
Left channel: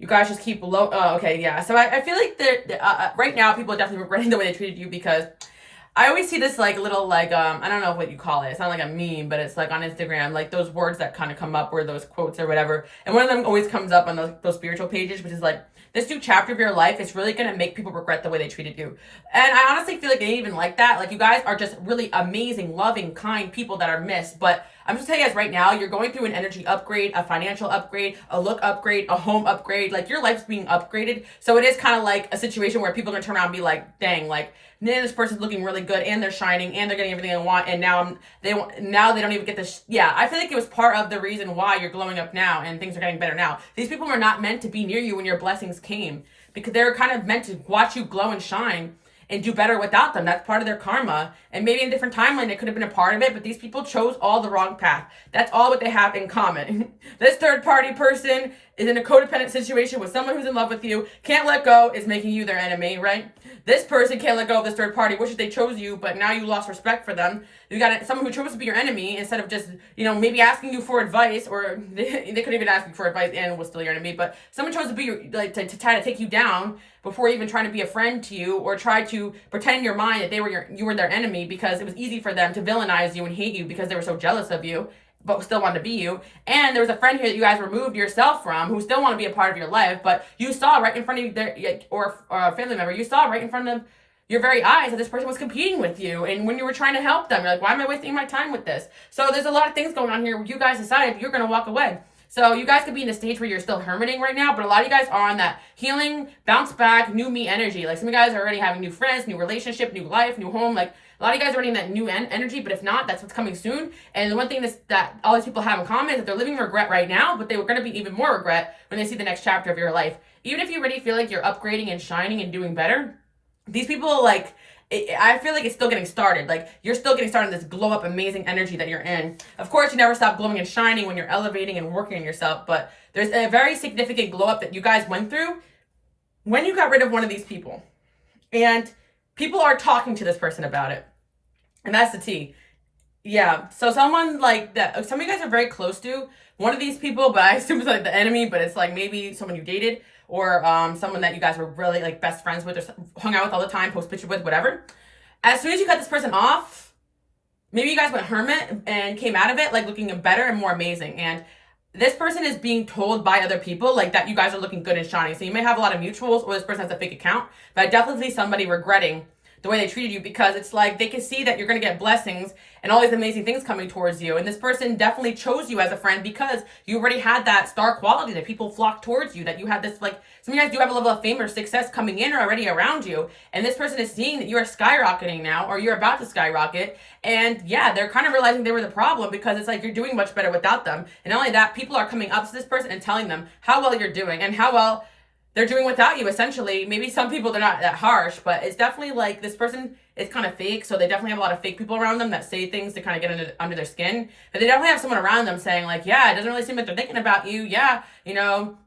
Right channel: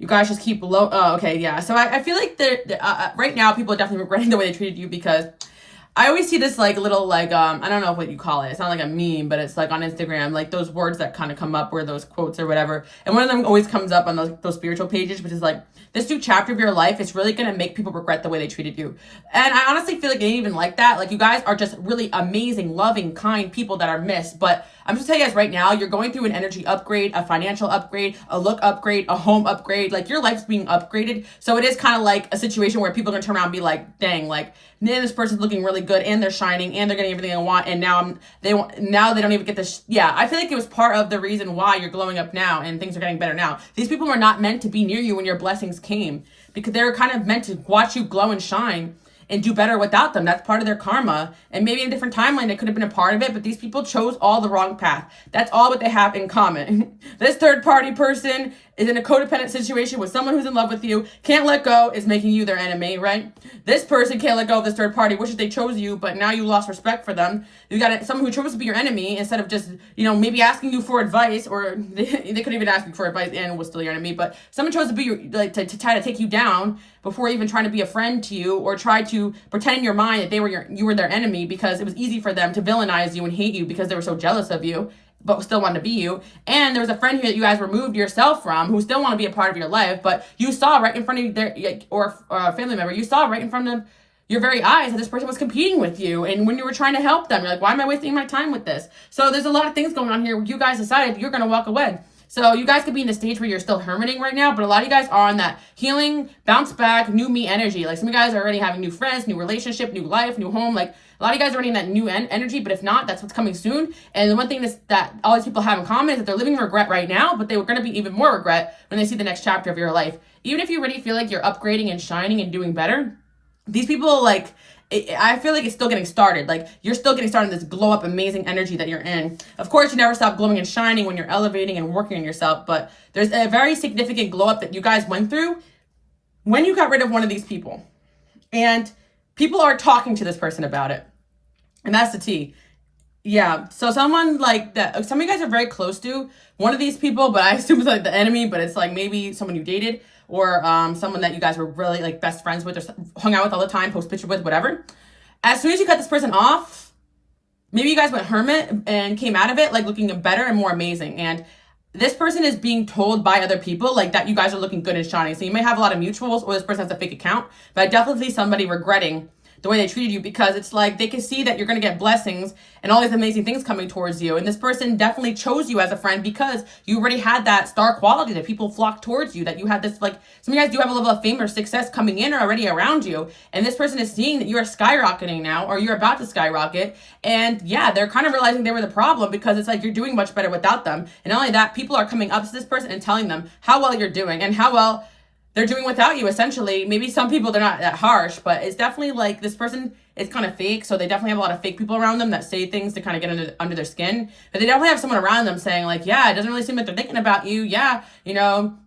you guys just keep low. Okay, yeah. So I feel like right now people are definitely regretting the way they treated you because I always see this like little like I don't know what you call it. It's not like a meme, but it's like on Instagram, like those words that kind of come up or those quotes or whatever. And one of them always comes up on those spiritual pages, which is like, this new chapter of your life is really going to make people regret the way they treated you. And I honestly feel like they even like that. Like, you guys are just really amazing, loving, kind people that are missed. But I'm just telling you guys right now, you're going through an energy upgrade, a financial upgrade, a look upgrade, a home upgrade. Like, your life's being upgraded. So it is kind of like a situation where people are going to turn around and be like, dang, like, man, this person's looking really good and they're shining and they're getting everything they want. And now they don't even get this. Yeah, I feel like it was part of the reason why you're glowing up now and things are getting better now. These people were not meant to be near you when your blessings came, because they're kind of meant to watch you glow and shine and do better without them. That's part of their karma. And maybe in a different timeline, it could have been a part of it, but these people chose all the wrong path. That's all what they have in common. This third party person is in a codependent situation with someone who's in love with you, can't let go, is making you their enemy, right? This person can't let go of this third party, wishes they chose you, but now you lost respect for them. You got someone who chose to be your enemy instead of just, maybe asking you for advice, or they could even ask you for advice and was still your enemy, but someone chose to be to try to take you down before even trying to be a friend to you, or try to pretend in your mind that you were their enemy, because it was easy for them to villainize you and hate you because they were so jealous of you, but still wanted to be you. And there was a friend here that you guys removed yourself from who still want to be a part of your life, but you saw right in front of you, or a family member, you saw right in front of your very eyes that this person was competing with you. And when you were trying to help them, you're like, why am I wasting my time with this? So there's a lot of things going on here where you guys decided you're going to walk away. So you guys could be in a stage where you're still hermiting right now, but a lot of you guys are on that healing, bounce back, new me energy. Like, some of you guys are already having new friends, new relationship, new life, new home. Like, a lot of you guys are already in that new energy, but if not, that's what's coming soon. And the one thing that all these people have in common is that they're living in regret right now, but they were going to be even more regret when they see the next chapter of your life. Even if you already feel like you're upgrading and shining and doing better, these people, like, I feel like it's still getting started. Like, you're still getting started in this glow up amazing energy that you're in. Of course, you never stop glowing and shining when you're elevating and working on yourself, but there's a very significant glow up that you guys went through when you got rid of one of these people. And people are talking to this person about it. And that's the tea. Yeah. So someone like that, some of you guys are very close to one of these people, but I assume it's like the enemy, but it's like maybe someone you dated or someone that you guys were really like best friends with or hung out with all the time, post pictures with, whatever. As soon as you cut this person off, maybe you guys went hermit and came out of it like looking better and more amazing. And this person is being told by other people like that you guys are looking good and shining. So you may have a lot of mutuals or this person has a fake account, but I definitely see somebody regretting the way they treated you because it's like they can see that you're going to get blessings and all these amazing things coming towards you. And this person definitely chose you as a friend because you already had that star quality that people flock towards you, that you had this, like, some of you guys do have a level of fame or success coming in or already around you. And this person is seeing that you are skyrocketing now or you're about to skyrocket. And yeah, they're kind of realizing they were the problem because it's like you're doing much better without them. And not only that, people are coming up to this person and telling them how well you're doing and how well they're doing without you, essentially. Maybe some people, they're not that harsh, but it's definitely like this person is kind of fake. So they definitely have a lot of fake people around them that say things to kind of get under their skin. But they definitely have someone around them saying like, yeah, it doesn't really seem like they're thinking about you. Yeah, you know,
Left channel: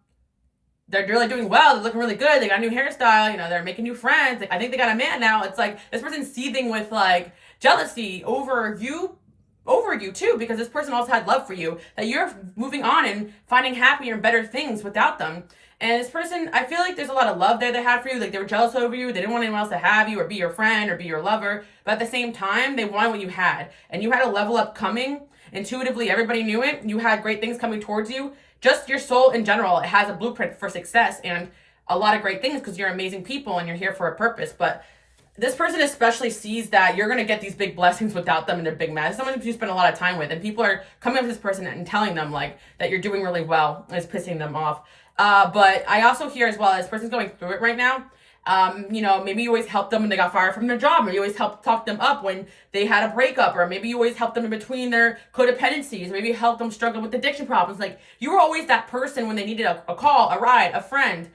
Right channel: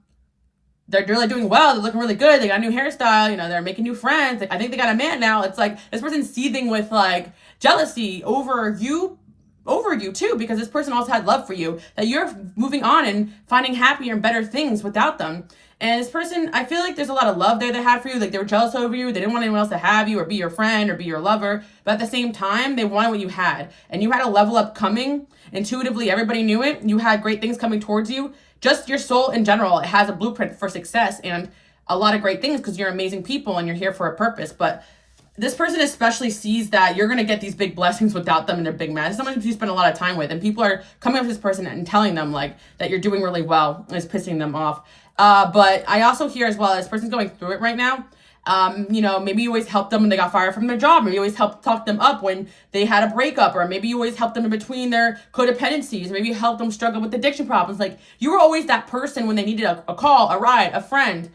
they're really doing well. They're looking really good. They got a new hairstyle. You know, they're making new friends. I think they got a man now. It's like this person's seething with like jealousy over you too, because this person also had love for you, that you're moving on and finding happier and better things without them. And this person, I feel like there's a lot of love there they had for you. Like they were jealous over you. They didn't want anyone else to have you or be your friend or be your lover. But at the same time, they wanted what you had. And you had a level up coming. Intuitively, everybody knew it. You had great things coming towards you. Just your soul in general, it has a blueprint for success and a lot of great things because you're amazing people and you're here for a purpose. But this person especially sees that you're going to get these big blessings without them and they're big mad. Someone you spend a lot of time with. And people are coming up to this person and telling them like that you're doing really well. And it's pissing them off. But I also hear as well, this person's going through it right now. You know, maybe you always helped them when they got fired from their job, or you always helped talk them up when they had a breakup, or maybe you always helped them in between their codependencies, maybe you helped them struggle with addiction problems. Like you were always that person when they needed a call, a ride, a friend,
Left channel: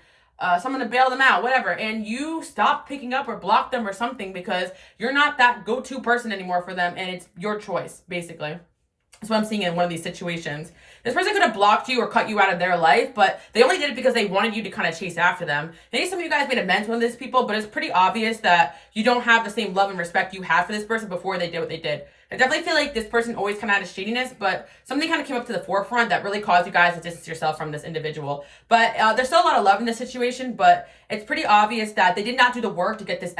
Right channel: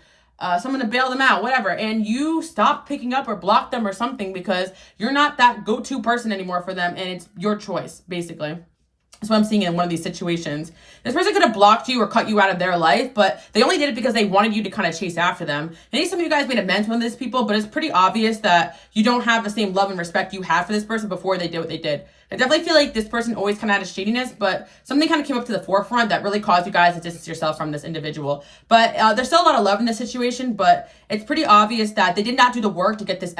someone to bail them out, whatever. And you stopped picking up or blocked them or something because you're not that go-to person anymore for them. And it's your choice, basically. That's what I'm seeing in one of these situations. This person could have blocked you or cut you out of their life, but they only did it because they wanted you to kind of chase after them. Maybe some of you guys made amends with these people, but it's pretty obvious that you don't have the same love and respect you have for this person before they did what they did. I definitely feel like this person always kind of had a shadiness, but something kind of came up to the forefront that really caused you guys to distance yourself from this individual. But there's still a lot of love in this situation, but it's pretty obvious that they did not do the work to get this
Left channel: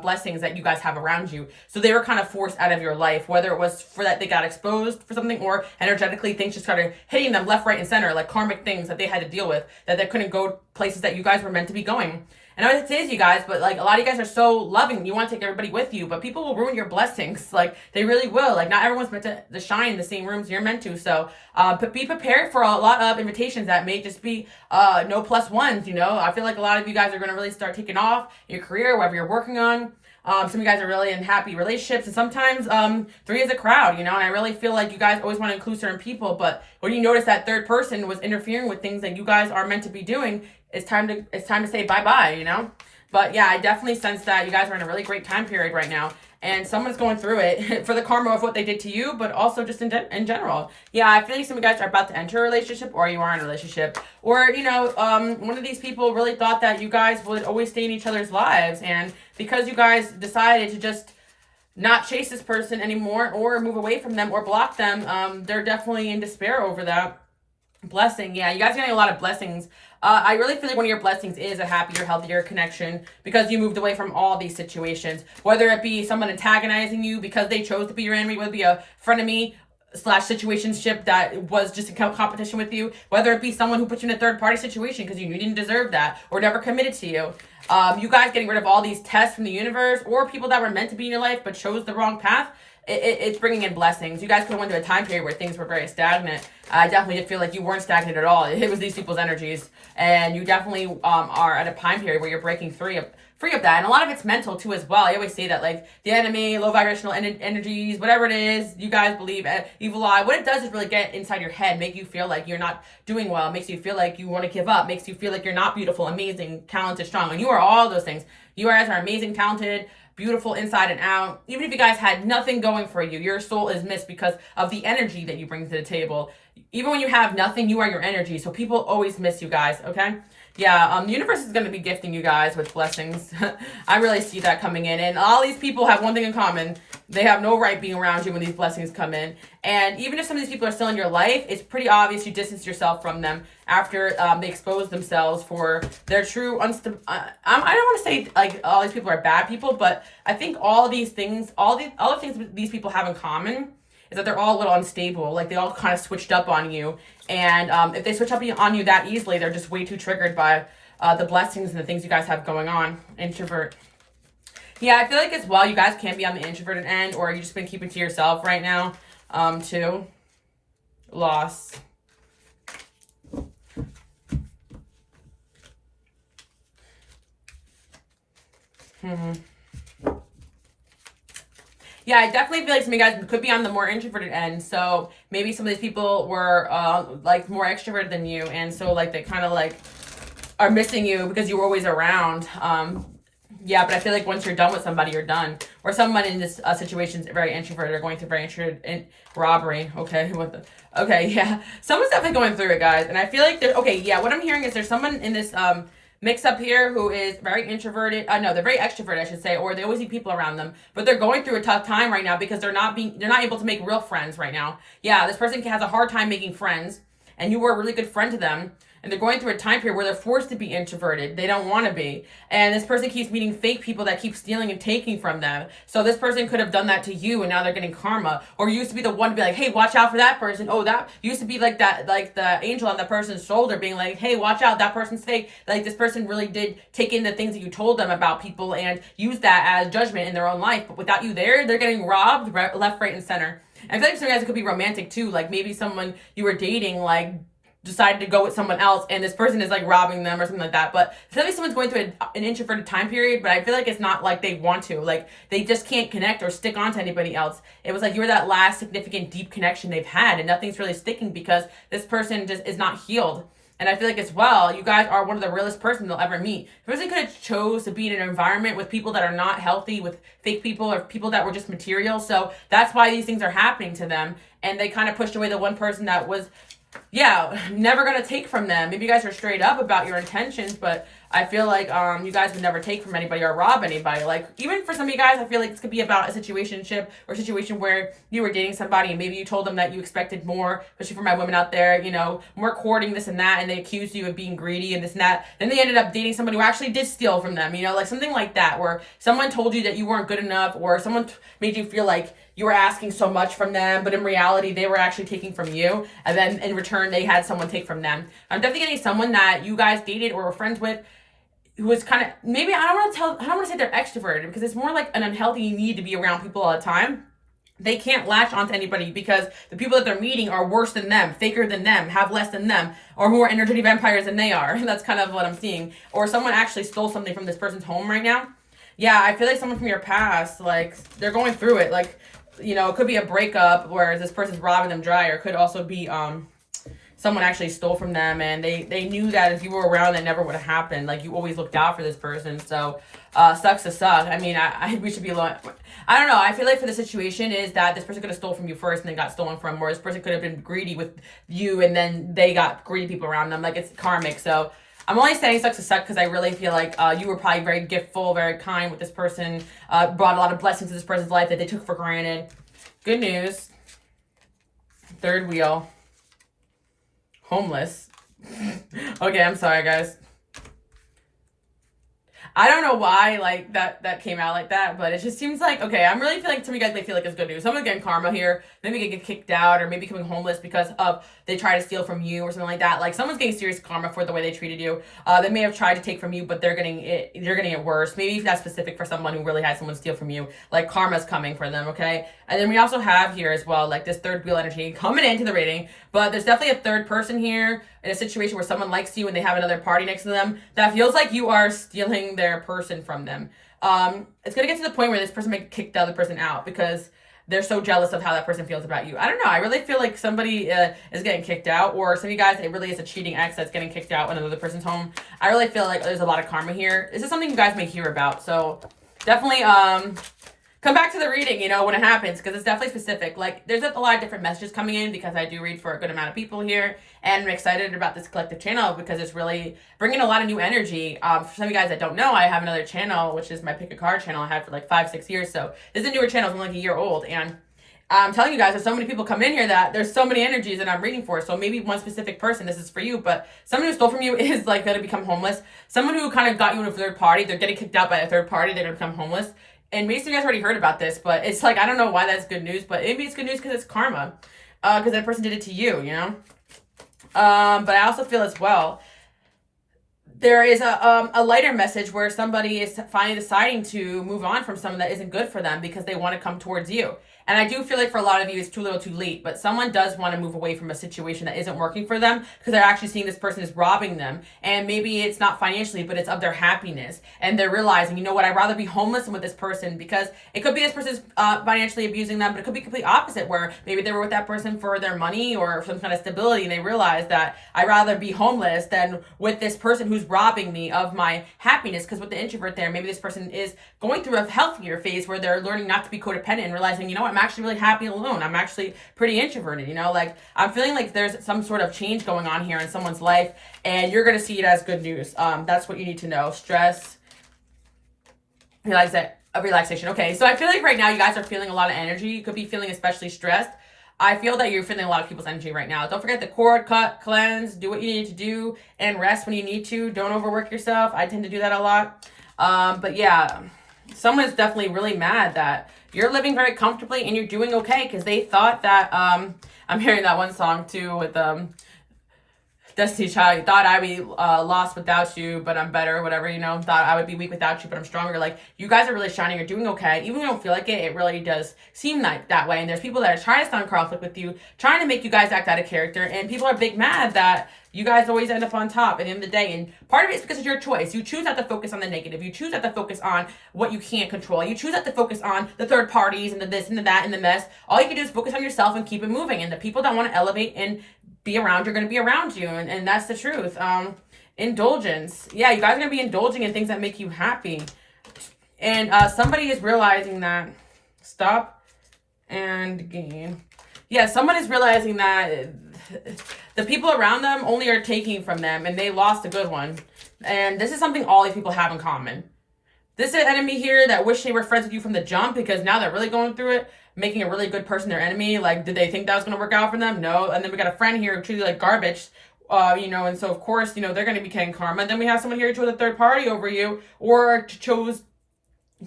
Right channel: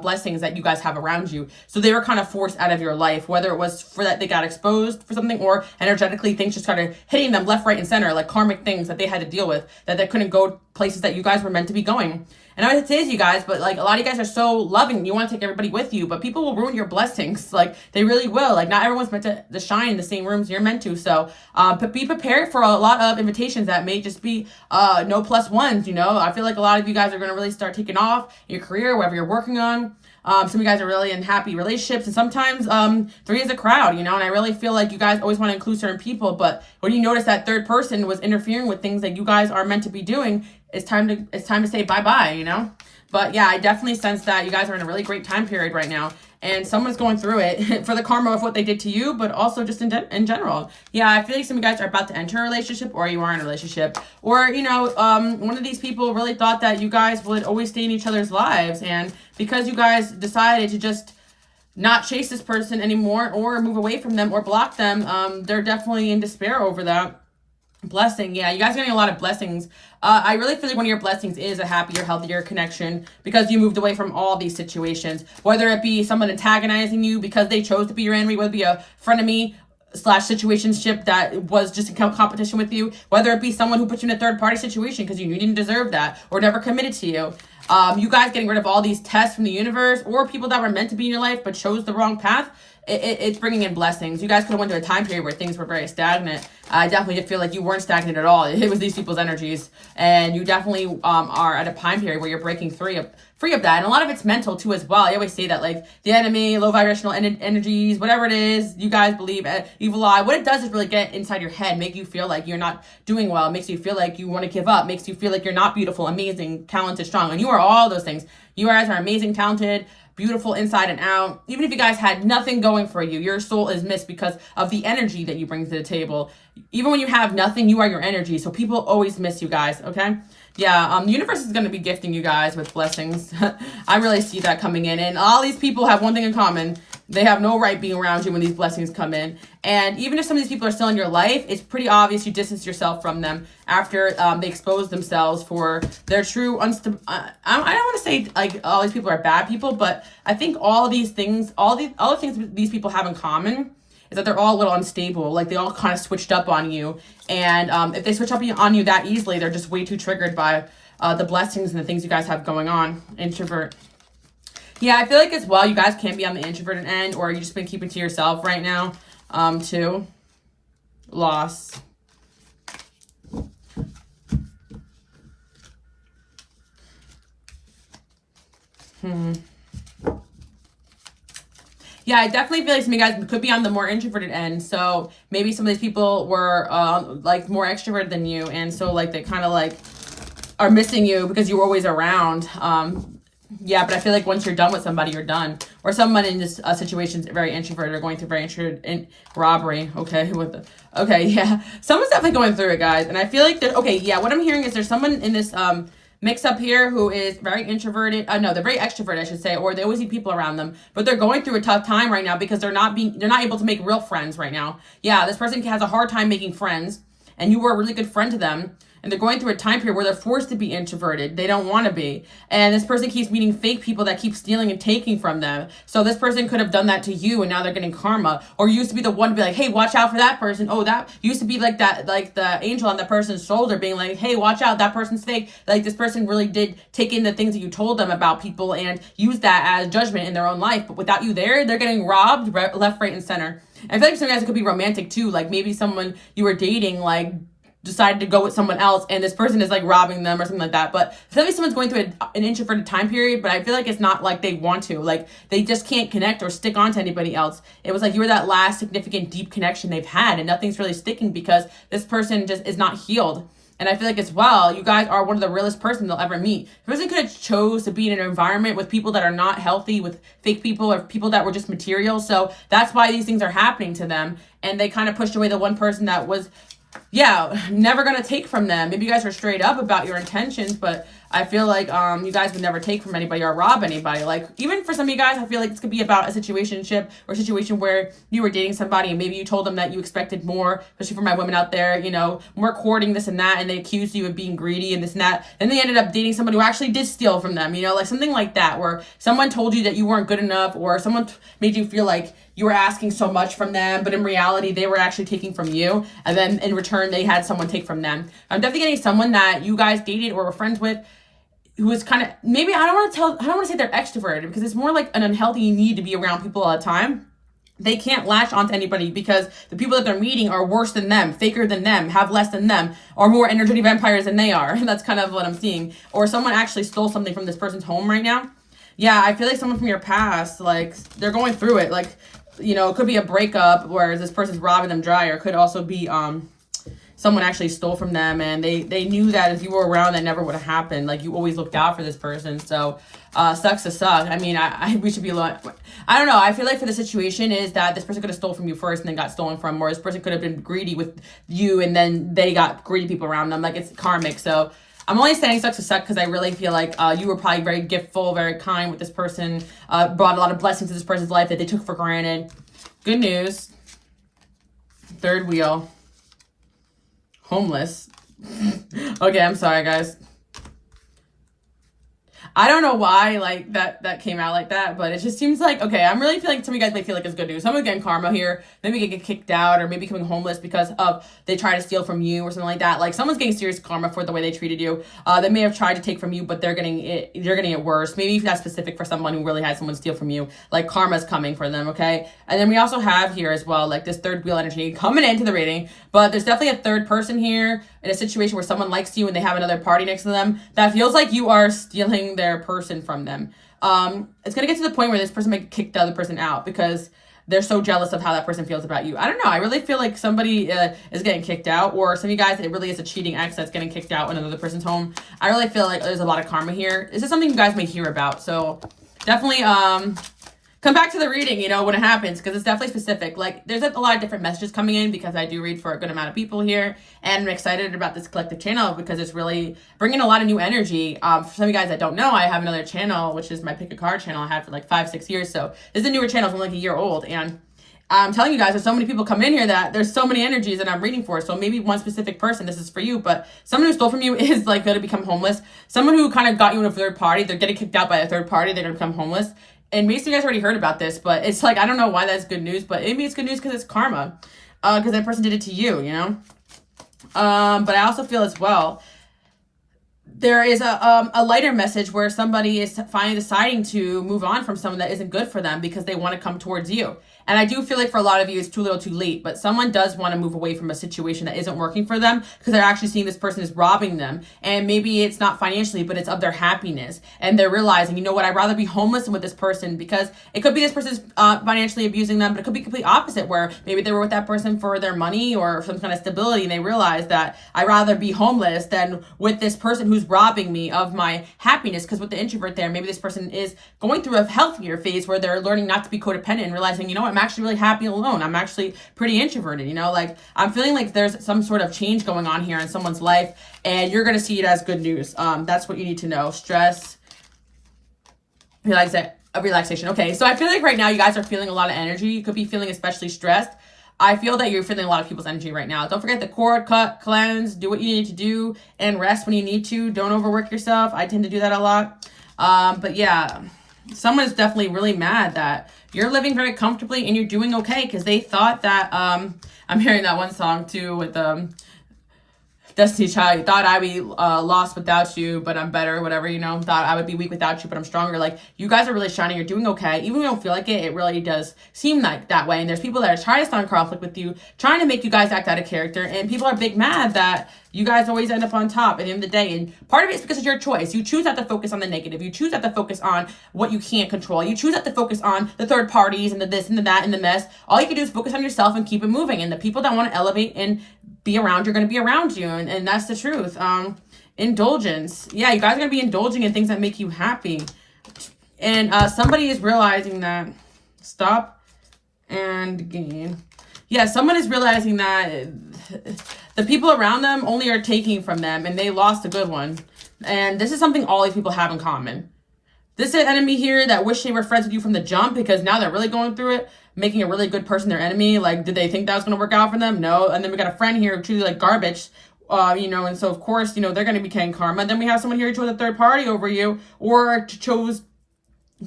blessings that you guys have around you. So they were kind of forced out of your life, whether it was for that they got exposed for something or energetically things just started hitting them left, right, and center, like karmic things that they had to deal with, that they couldn't go places that you guys were meant to be going. And I always say to you guys, but like a lot of you guys are so loving, you want to take everybody with you, but people will ruin your blessings. Like they really will. Like not everyone's meant to shine in the same rooms you're meant to. So but be prepared for a lot of invitations that may just be no plus ones, you know. I feel like a lot of you guys are going to really start taking off in your career, whatever you're working on. Some of you guys are really in happy relationships, and sometimes three is a crowd, you know, and I really feel like you guys always want to include certain people, but when you notice that third person was interfering with things that you guys are meant to be doing, it's time to say bye-bye, you know. But yeah, I definitely sense that you guys are in a really great time period right now, and someone's going through it for the karma of what they did to you, but also just in general. Yeah, I feel like some of you guys are about to enter a relationship, or you are in a relationship, or you know, one of these people really thought that you guys would always stay in each other's lives, and because you guys decided to just not chase this person anymore or move away from them or block them, they're definitely in despair over that. Blessing. Yeah, you guys are getting a lot of blessings. I really feel like one of your blessings is a happier, healthier connection because you moved away from all these situations, whether it be someone antagonizing you because they chose to be your enemy, whether it be a frenemy / situationship that was just a competition with you, whether it be someone who put you in a third party situation because you didn't deserve that or never committed to you. You guys getting rid of all these tests from the universe or people that were meant to be in your life but chose the wrong path. It's bringing in blessings. You guys could have went to a time period where things were very stagnant. I definitely did feel like you weren't stagnant at all. It was these people's energies. And you definitely are at a time period where you're breaking free of that. And a lot of it's mental too as well. I always say that like the enemy, low vibrational energies, whatever it is, you guys believe, evil eye, what it does is really get inside your head, make you feel like you're not doing well, makes you feel like you want to give up, makes you feel like you're not beautiful, amazing, talented, strong. And you are all those things. You guys are amazing, talented, beautiful inside and out. Even if you guys had nothing going for you, your soul is missed because of the energy that you bring to the table. Even when you have nothing, you are your energy. So people always miss you guys, okay? Yeah, the universe is going to be gifting you guys with blessings. I really see that coming in. And all these people have one thing in common. They have no right being around you when these blessings come in. And even if some of these people are still in your life, it's pretty obvious you distance yourself from them after they expose themselves for their true I don't want to say like all these people are bad people, but I think all these things, all the things these people have in common is that they're all a little unstable. Like they all kind of switched up on you. And if they switch up on you that easily, they're just way too triggered by the blessings and the things you guys have going on. Introvert. Yeah, I feel like as well, you guys can be on the introverted end, or you just been keeping to yourself right now, too. Loss. Yeah, I definitely feel like some of you guys could be on the more introverted end. So maybe some of these people were like more extroverted than you, and so like they kind of like are missing you because you were always around. Yeah, but I feel like once you're done with somebody, you're done. Or someone in this situation is very introverted or going through very introverted robbery. Okay, what the? Okay, yeah. Someone's definitely going through it, guys. And I feel like okay, yeah. What I'm hearing is there's someone in this mix up here who is very introverted. No, they're very extroverted, I should say, or they always need people around them. But they're going through a tough time right now because they're not able to make real friends right now. Yeah, this person has a hard time making friends, and you were a really good friend to them. And they're going through a time period where they're forced to be introverted. They don't want to be. And this person keeps meeting fake people that keep stealing and taking from them. So this person could have done that to you, and now they're getting karma. Or you used to be the one to be like, hey, watch out for that person. Oh, that used to be like that, like the angel on the person's shoulder being like, hey, watch out, that person's fake. Like this person really did take in the things that you told them about people and use that as judgment in their own life. But without you there, they're getting robbed left, right, and center. And I feel like sometimes it could be romantic too. Like maybe someone you were dating, like, decided to go with someone else and this person is like robbing them or something like that. But maybe someone's going through an introverted time period, but I feel like it's not like they want to. Like they just can't connect or stick on to anybody else. It was like you were that last significant deep connection they've had, and nothing's really sticking because this person just is not healed. And I feel like as well, you guys are one of the realest person they'll ever meet. The person could have chose to be in an environment with people that are not healthy, with fake people or people that were just material. So that's why these things are happening to them. And they kind of pushed away the one person that was, yeah, never gonna take from them. Maybe you guys are straight up about your intentions, but I feel like you guys would never take from anybody or rob anybody. Like even for some of you guys, I feel like this could be about a situationship or a situation where you were dating somebody and maybe you told them that you expected more, especially for my women out there, you know, more courting, this and that, and they accused you of being greedy and this and that. Then they ended up dating somebody who actually did steal from them, you know, like something like that, where someone told you that you weren't good enough, or someone made you feel like you were asking so much from them, but in reality, they were actually taking from you. And then in return, they had someone take from them. I'm definitely getting someone that you guys dated or were friends with who was kind of, maybe I don't want to say they're extroverted, because it's more like an unhealthy need to be around people all the time. They can't latch onto anybody because the people that they're meeting are worse than them, faker than them, have less than them, or more energy vampires than they are. That's kind of what I'm seeing. Or someone actually stole something from this person's home right now. Yeah, I feel like someone from your past, like, they're going through it. Like, you know, it could be a breakup where this person's robbing them dry, or it could also be someone actually stole from them, and they knew that if you were around, that never would have happened. Like, you always looked out for this person. So sucks to suck. I mean, we should be alone. I don't know. I feel like for the situation is that this person could have stole from you first and then got stolen from, or this person could have been greedy with you and then they got greedy people around them. Like, it's karmic. So I'm only saying sucks to suck because I really feel like you were probably very giftful, very kind with this person, brought a lot of blessings to this person's life that they took for granted. Good news. Third wheel. Homeless. Okay, I'm sorry, guys. I don't know why, like, that came out like that, but it just seems like, okay, I'm really feeling, some of you guys may feel like it's good news. Someone's getting karma here. Maybe get kicked out, or maybe becoming homeless because of they try to steal from you or something like that. Like, someone's getting serious karma for the way they treated you. They may have tried to take from you, but they're getting it worse. Maybe that's specific for someone who really had someone steal from you. Like, karma's coming for them, okay? And then we also have here as well, like, this third wheel energy coming into the reading. But there's definitely a third person here in a situation where someone likes you and they have another party next to them that feels like you are stealing their person from them. It's going to get to the point where this person may kick the other person out because they're so jealous of how that person feels about you. I don't know. I really feel like somebody is getting kicked out, or some of you guys, it really is a cheating ex that's getting kicked out in another person's home. I really feel like there's a lot of karma here. This is something you guys may hear about. So definitely come back to the reading, you know, when it happens, because it's definitely specific. Like, there's a lot of different messages coming in because I do read for a good amount of people here, and I'm excited about this collective channel because it's really bringing a lot of new energy. For some of you guys that don't know, I have another channel, which is my Pick a Card channel I had for like 5-6 years. So this is a newer channel, it's only like a year old, and I'm telling you guys, there's so many people come in here that there's so many energies that I'm reading for. So maybe one specific person, this is for you, but someone who stole from you is like going to become homeless. Someone who kind of got you in a third party, they're getting kicked out by a third party, they're going to become homeless. And most of you guys already heard about this, but it's like, I don't know why that's good news, but maybe it's good news because it's karma. Because that person did it to you, you know? But I also feel as well, there is a lighter message where somebody is finally deciding to move on from someone that isn't good for them because they want to come towards you. And I do feel like for a lot of you, it's too little too late, but someone does want to move away from a situation that isn't working for them because they're actually seeing this person is robbing them. And maybe it's not financially, but it's of their happiness. And they're realizing, you know what, I'd rather be homeless than with this person, because it could be this person's financially abusing them, but it could be complete opposite, where maybe they were with that person for their money or some kind of stability, and they realize that I'd rather be homeless than with this person who's robbing me of my happiness. Because with the introvert there, maybe this person is going through a healthier phase where they're learning not to be codependent and realizing, you know what, I'm actually really happy alone. I'm actually pretty introverted, you know, like I'm feeling like there's some sort of change going on here in someone's life, and you're going to see it as good news. That's what you need to know. Stress, relaxation. Okay, so I feel like right now you guys are feeling a lot of energy. You could be feeling especially stressed. I feel that you're feeling a lot of people's energy right now. Don't forget the cord, cut, cleanse, do what you need to do, and rest when you need to. Don't overwork yourself. I tend to do that a lot. But yeah, someone is definitely really mad that you're living very comfortably and you're doing okay, because they thought that, I'm hearing that one song too with Destiny Child, you thought I'd be lost without you, but I'm better, whatever, you know, thought I would be weak without you, but I'm stronger. Like, you guys are really shining, you're doing okay. Even if you don't feel like it, it really does seem like that way. And there's people that are trying to start conflict with you, trying to make you guys act out of character, and people are big mad that you guys always end up on top at the end of the day. And part of it is because it's your choice. You choose not to focus on the negative. You choose not to focus on what you can't control. You choose not to focus on the third parties and the this and the that and the mess. All you can do is focus on yourself and keep it moving. And the people that want to elevate and be around, you're going to be around you. And that's the truth. Indulgence. Yeah, you guys are going to be indulging in things that make you happy. And somebody is realizing that. Stop and gain. Yeah, someone is realizing that the people around them only are taking from them, and they lost a good one. And this is something all these people have in common. This is an enemy here that wish they were friends with you from the jump, because now they're really going through it, making a really good person their enemy. Like, did they think that was going to work out for them? No. And then we got a friend here who treated like garbage, you know, and so of course, you know, they're going to be getting karma. And then we have someone here who chose a third party over you, or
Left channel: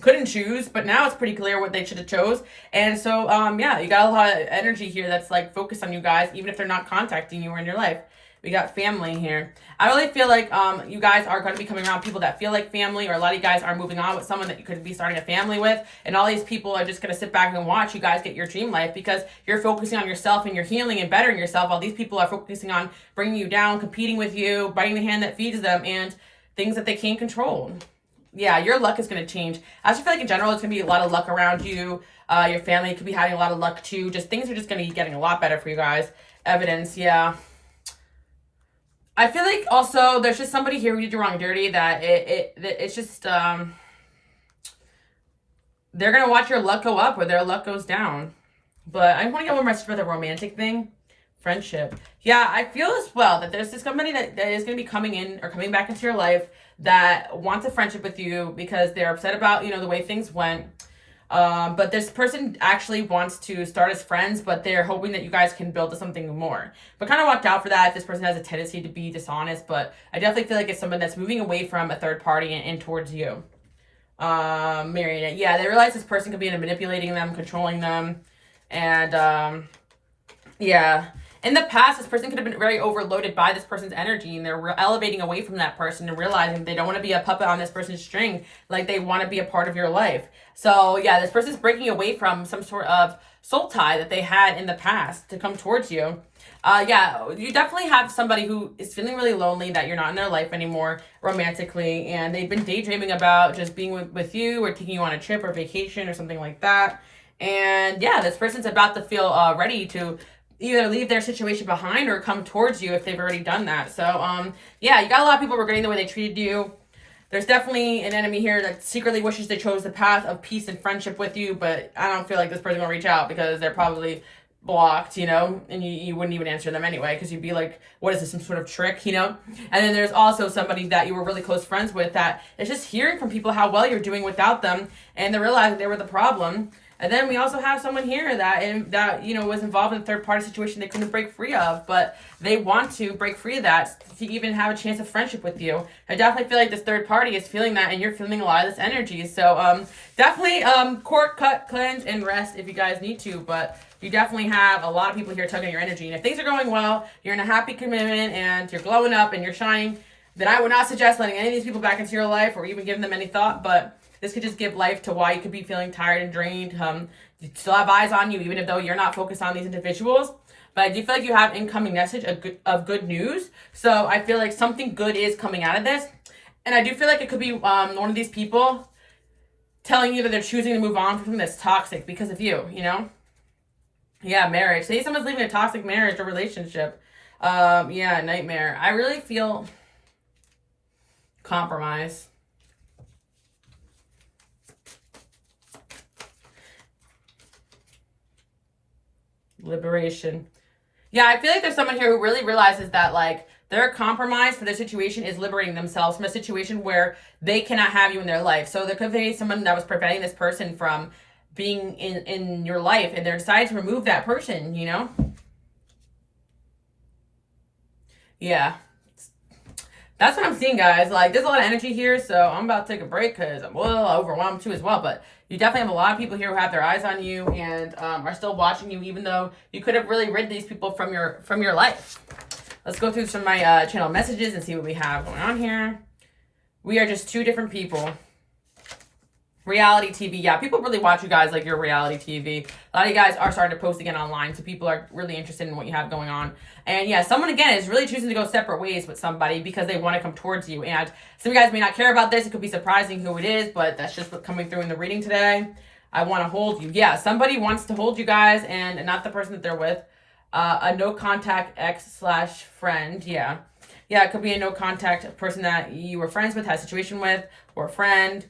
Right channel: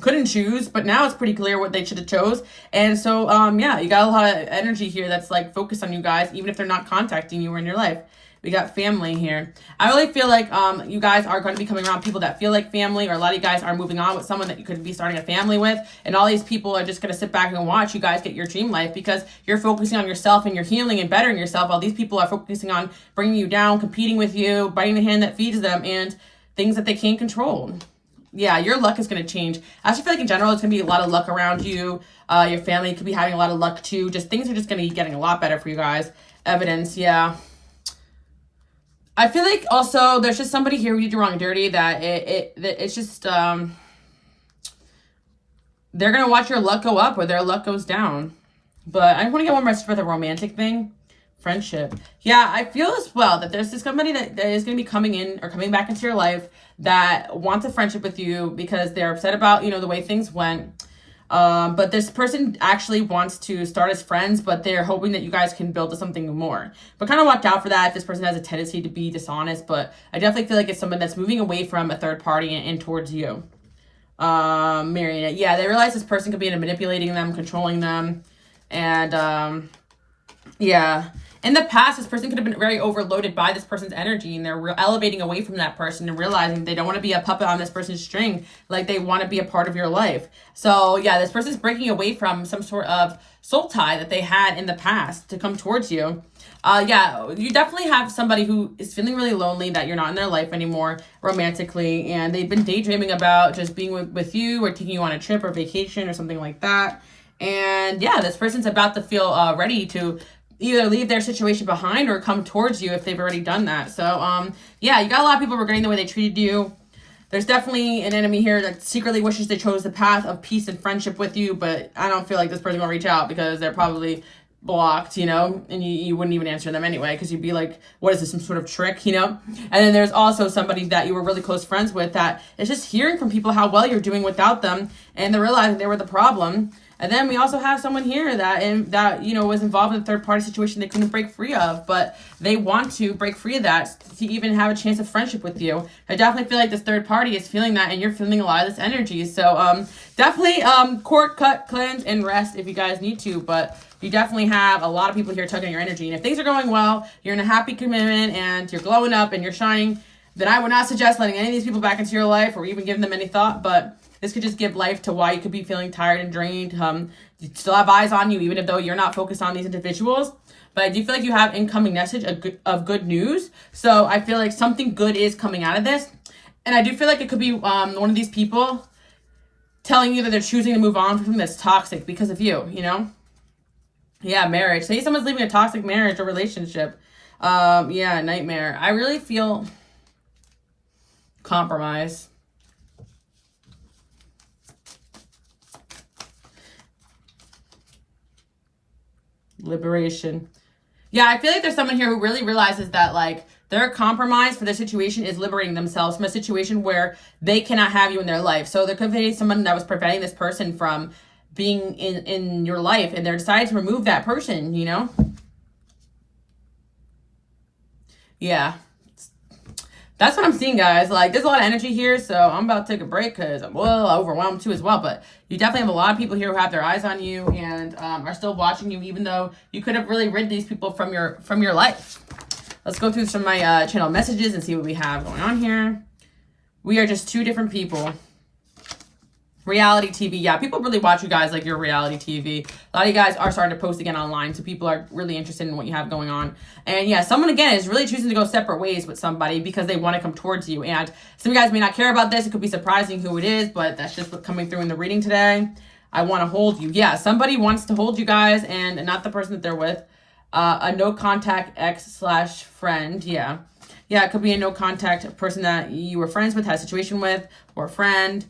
couldn't choose, but now it's pretty clear what they should have chose. And so yeah, you got a lot of energy here that's like focused on you guys, even if they're not contacting you or in your life. We got family here. I really feel like you guys are going to be coming around people that feel like family, or a lot of you guys are moving on with someone that you could be starting a family with, and all these people are just going to sit back and watch you guys get your dream life, because you're focusing on yourself and you're healing and bettering yourself, while these people are focusing on bringing you down, competing with you, biting the hand that feeds them, and things that they can't control. Yeah, your luck is going to change. I actually feel like in general, it's going to be a lot of luck around you. Your family could be having a lot of luck too. Just things are just going to be getting a lot better for you guys. Evidence, yeah. I feel like also there's just somebody here who did you wrong and dirty that it's just, they're going to watch your luck go up or their luck goes down. But I want to get one more for the romantic thing. Friendship. Yeah, I feel as well that there's this somebody that is going to be coming in or coming back into your life that wants a friendship with you because they're upset about, you know, the way things went. But this person actually wants to start as friends, but they're hoping that you guys can build to something more. But kind of watch out for that if this person has a tendency to be dishonest. But I definitely feel like it's someone that's moving away from a third party and towards you. Marrying it. Yeah, they realize this person could be manipulating them, controlling them. And yeah. In the past, this person could have been very overloaded by this person's energy, and they're elevating away from that person and realizing they don't want to be a puppet on this person's string. Like, they want to be a part of your life. So yeah, this person's breaking away from some sort of soul tie that they had in the past to come towards you. Yeah, you definitely have somebody who is feeling really lonely, that you're not in their life anymore romantically, and they've been daydreaming about just being with you or taking you on a trip or vacation or something like that. And yeah, this person's about to feel ready to either leave their situation behind or come towards you if they've already done that. So yeah, you got a lot of people regretting the way they treated you. There's definitely an enemy here that secretly wishes they chose the path of peace and friendship with you, but I don't feel like this person's gonna reach out because they're probably blocked, you know, and you wouldn't even answer them anyway because you'd be like, what is this, some sort of trick, you know? And then there's also somebody that you were really close friends with that is just hearing from people how well you're doing without them, and they're realizing they were the problem. And then we also have someone here that you know, was involved in a third-party situation they couldn't break free of, but they want to break free of that to even have a chance of friendship with you. I definitely feel like this third party is feeling that, and you're feeling a lot of this energy. So definitely court, cut, cleanse, and rest if you guys need to, but you definitely have a lot of people here tugging your energy. And if things are going well, you're in a happy commitment, and you're glowing up, and you're shining, then I would not suggest letting any of these people back into your life or even giving them any thought, but this could just give life to why you could be feeling tired and drained. You still have eyes on you, even if though you're not focused on these individuals. But I do feel like you have incoming message of good news. So I feel like something good is coming out of this. And I do feel like it could be one of these people telling you that they're choosing to move on from something that's toxic because of you, you know? Yeah, marriage. Say someone's leaving a toxic marriage or relationship. Yeah, nightmare. I really feel compromise. Liberation. Yeah, I feel like there's someone here who really realizes that, like, their compromise for their situation is liberating themselves from a situation where they cannot have you in their life. So there could be someone that was preventing this person from being in your life, and they're deciding to remove that person, you know? Yeah. That's what I'm seeing, guys. Like, there's a lot of energy here, so I'm about to take a break because I'm a little overwhelmed too as well. But you definitely have a lot of people here who have their eyes on you and are still watching you, even though you could have really rid these people from your life. Let's go through some of my channel messages and see what we have going on here. We are just two different people. Reality TV. Yeah, people really watch you guys like your reality TV. A lot of you guys are starting to post again online, so people are really interested in what you have going on. And yeah, someone again is really choosing to go separate ways with somebody because they want to come towards you. And some of you guys may not care about this. It could be surprising who it is, but that's just what's coming through in the reading today. I want to hold you. Yeah, somebody wants to hold you guys, and not the person that they're with. A no contact ex/friend. Yeah. Yeah, it could be a no contact person that you were friends with, had a situation with, or a friend.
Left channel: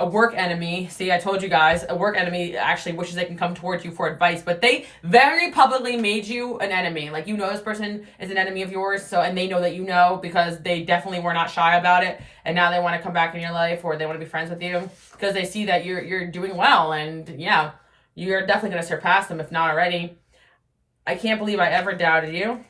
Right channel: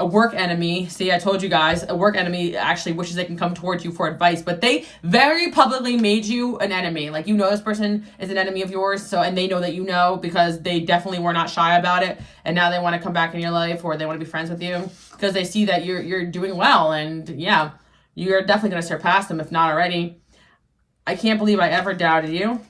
A work enemy. See, I told you guys, a work enemy actually wishes they can come towards you for advice, but they very publicly made you an enemy. Like, you know, this person is an enemy of yours, so, and they know that you know, because they definitely were not shy about it, and now they want to come back in your life, or they want to be friends with you because they see that you're doing well, and yeah, you're definitely going to surpass them if not already. I can't believe I ever doubted you.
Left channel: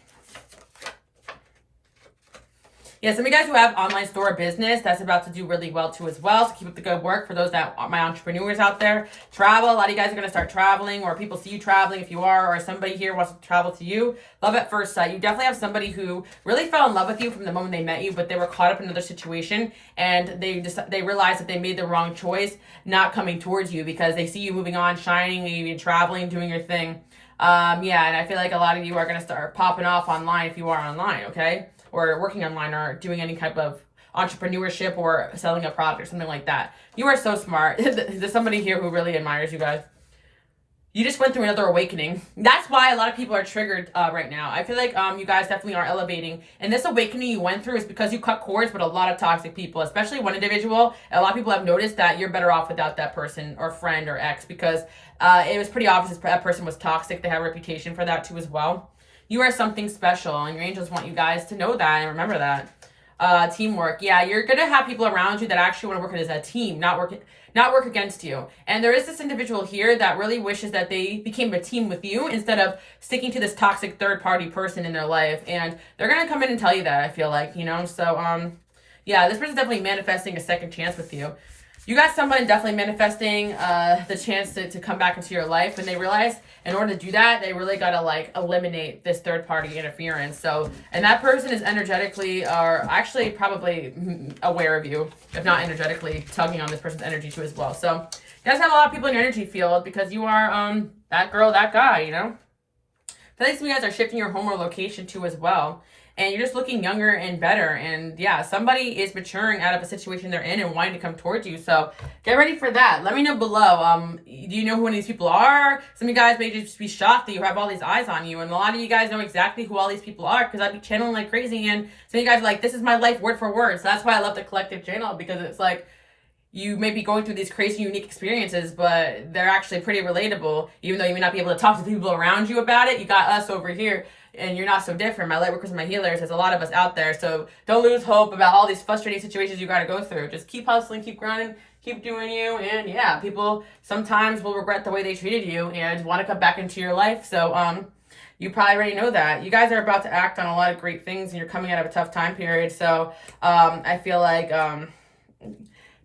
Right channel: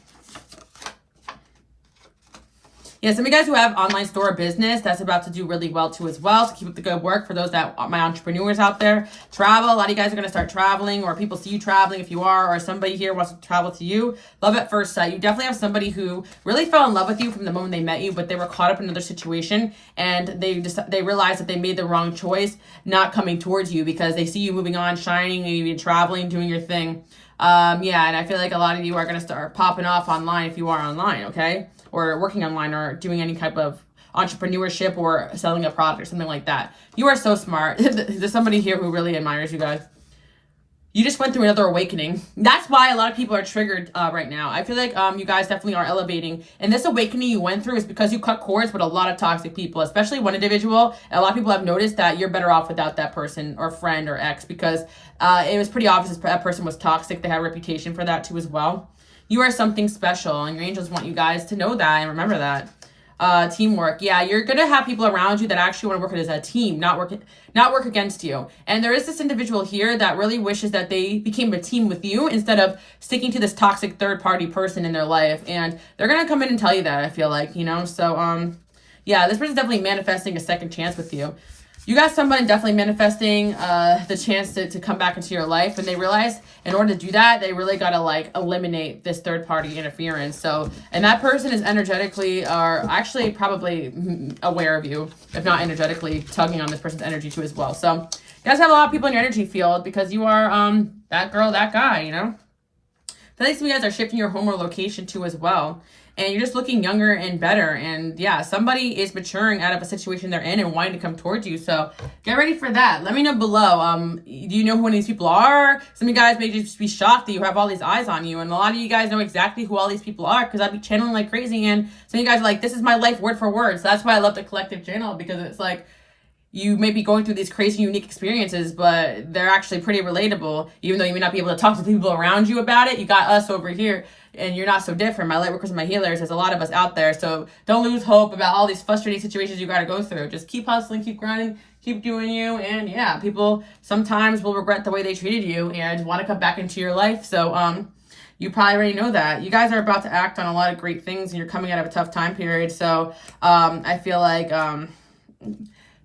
Yeah, some of you guys who have online store or business, that's about to do really well too as well. So keep up the good work for those that are my entrepreneurs out there. Travel, a lot of you guys are going to start traveling, or people see you traveling if you are, or somebody here wants to travel to you. Love at first sight. You definitely have somebody who really fell in love with you from the moment they met you, but they were caught up in another situation, and they realized that they made the wrong choice not coming towards you because they see you moving on, shining, even traveling, doing your thing. Yeah, and I feel like a lot of you are going to start popping off online if you are online, okay? Or working online, or doing any type of entrepreneurship, or selling a product or something like that. You are so smart. There's somebody here who really admires you guys. You just went through another awakening. That's why a lot of people are triggered right now. I feel like you guys definitely are elevating. And this awakening you went through is because you cut cords with a lot of toxic people, especially one individual. And a lot of people have noticed that you're better off without that person, or friend, or ex, because it was pretty obvious that person was toxic. They had a reputation for that too as well. You are something special, and your angels want you guys to know that and remember that. Teamwork. Yeah, you're going to have people around you that actually want to work as a team, not work against you. And there is this individual here that really wishes that they became a team with you instead of sticking to this toxic third-party person in their life. And they're going to come in and tell you that, I feel like, you know. So, yeah, this person's definitely manifesting a second chance with you. You got someone definitely manifesting the chance to come back into your life, and they realize in order to do that, they really got to like eliminate this third party interference. So, and that person is energetically, or actually probably aware of you, if not energetically tugging on this person's energy too as well. So you guys have a lot of people in your energy field because you are that girl, that guy, you know. feel like some of you guys are shifting your home or location too as well. And you're just looking younger and better. And yeah, somebody is maturing out of a situation they're in and wanting to come towards you. So get ready for that. Let me know below. Do you know who one of these people are? Some of you guys may just be shocked that you have all these eyes on you. And a lot of you guys know exactly who all these people are because I'd be channeling like crazy. And some of you guys are like, this is my life word for word. So that's why I love the collective channel, because it's like, you may be going through these crazy, unique experiences, but they're actually pretty relatable. Even though you may not be able to talk to people around you about it, you got us over here, and you're not so different. My lightworkers and my healers, there's a lot of us out there. So don't lose hope about all these frustrating situations you got to go through. Just keep hustling, keep grinding, keep doing you. And yeah, people sometimes will regret the way they treated you and want to come back into your life. So you probably already know that. You guys are about to act on a lot of great things, and you're coming out of a tough time period. So I feel like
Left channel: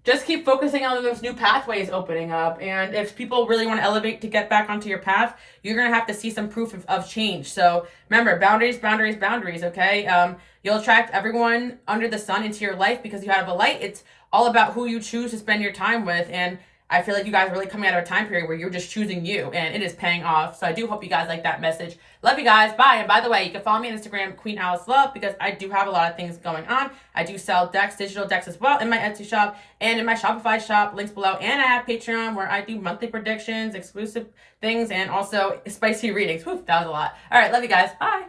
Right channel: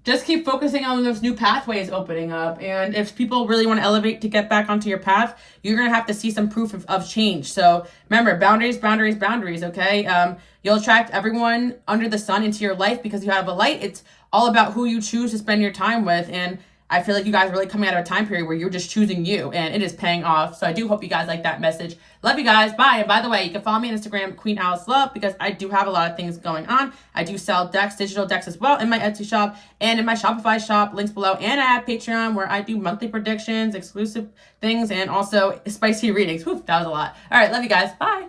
just keep focusing on those new pathways opening up. And if people really want to elevate to get back onto your path, you're going to have to see some proof of change. So remember, boundaries, boundaries, boundaries, okay? You'll attract everyone under the sun into your life because you have a light. It's all about who you choose to spend your time with. And I feel like you guys are really coming out of a time period where you're just choosing you, and it is paying off. So I do hope you guys like that message. Love you guys. Bye. And by the way, you can follow me on Instagram, Queen Alice Love, because I do have a lot of things going on. I do sell decks, digital decks as well, in my Etsy shop and in my Shopify shop. Links below. And I have Patreon where I do monthly predictions, exclusive things, and also spicy readings. Whew, that was a lot. All right. Love you guys. Bye.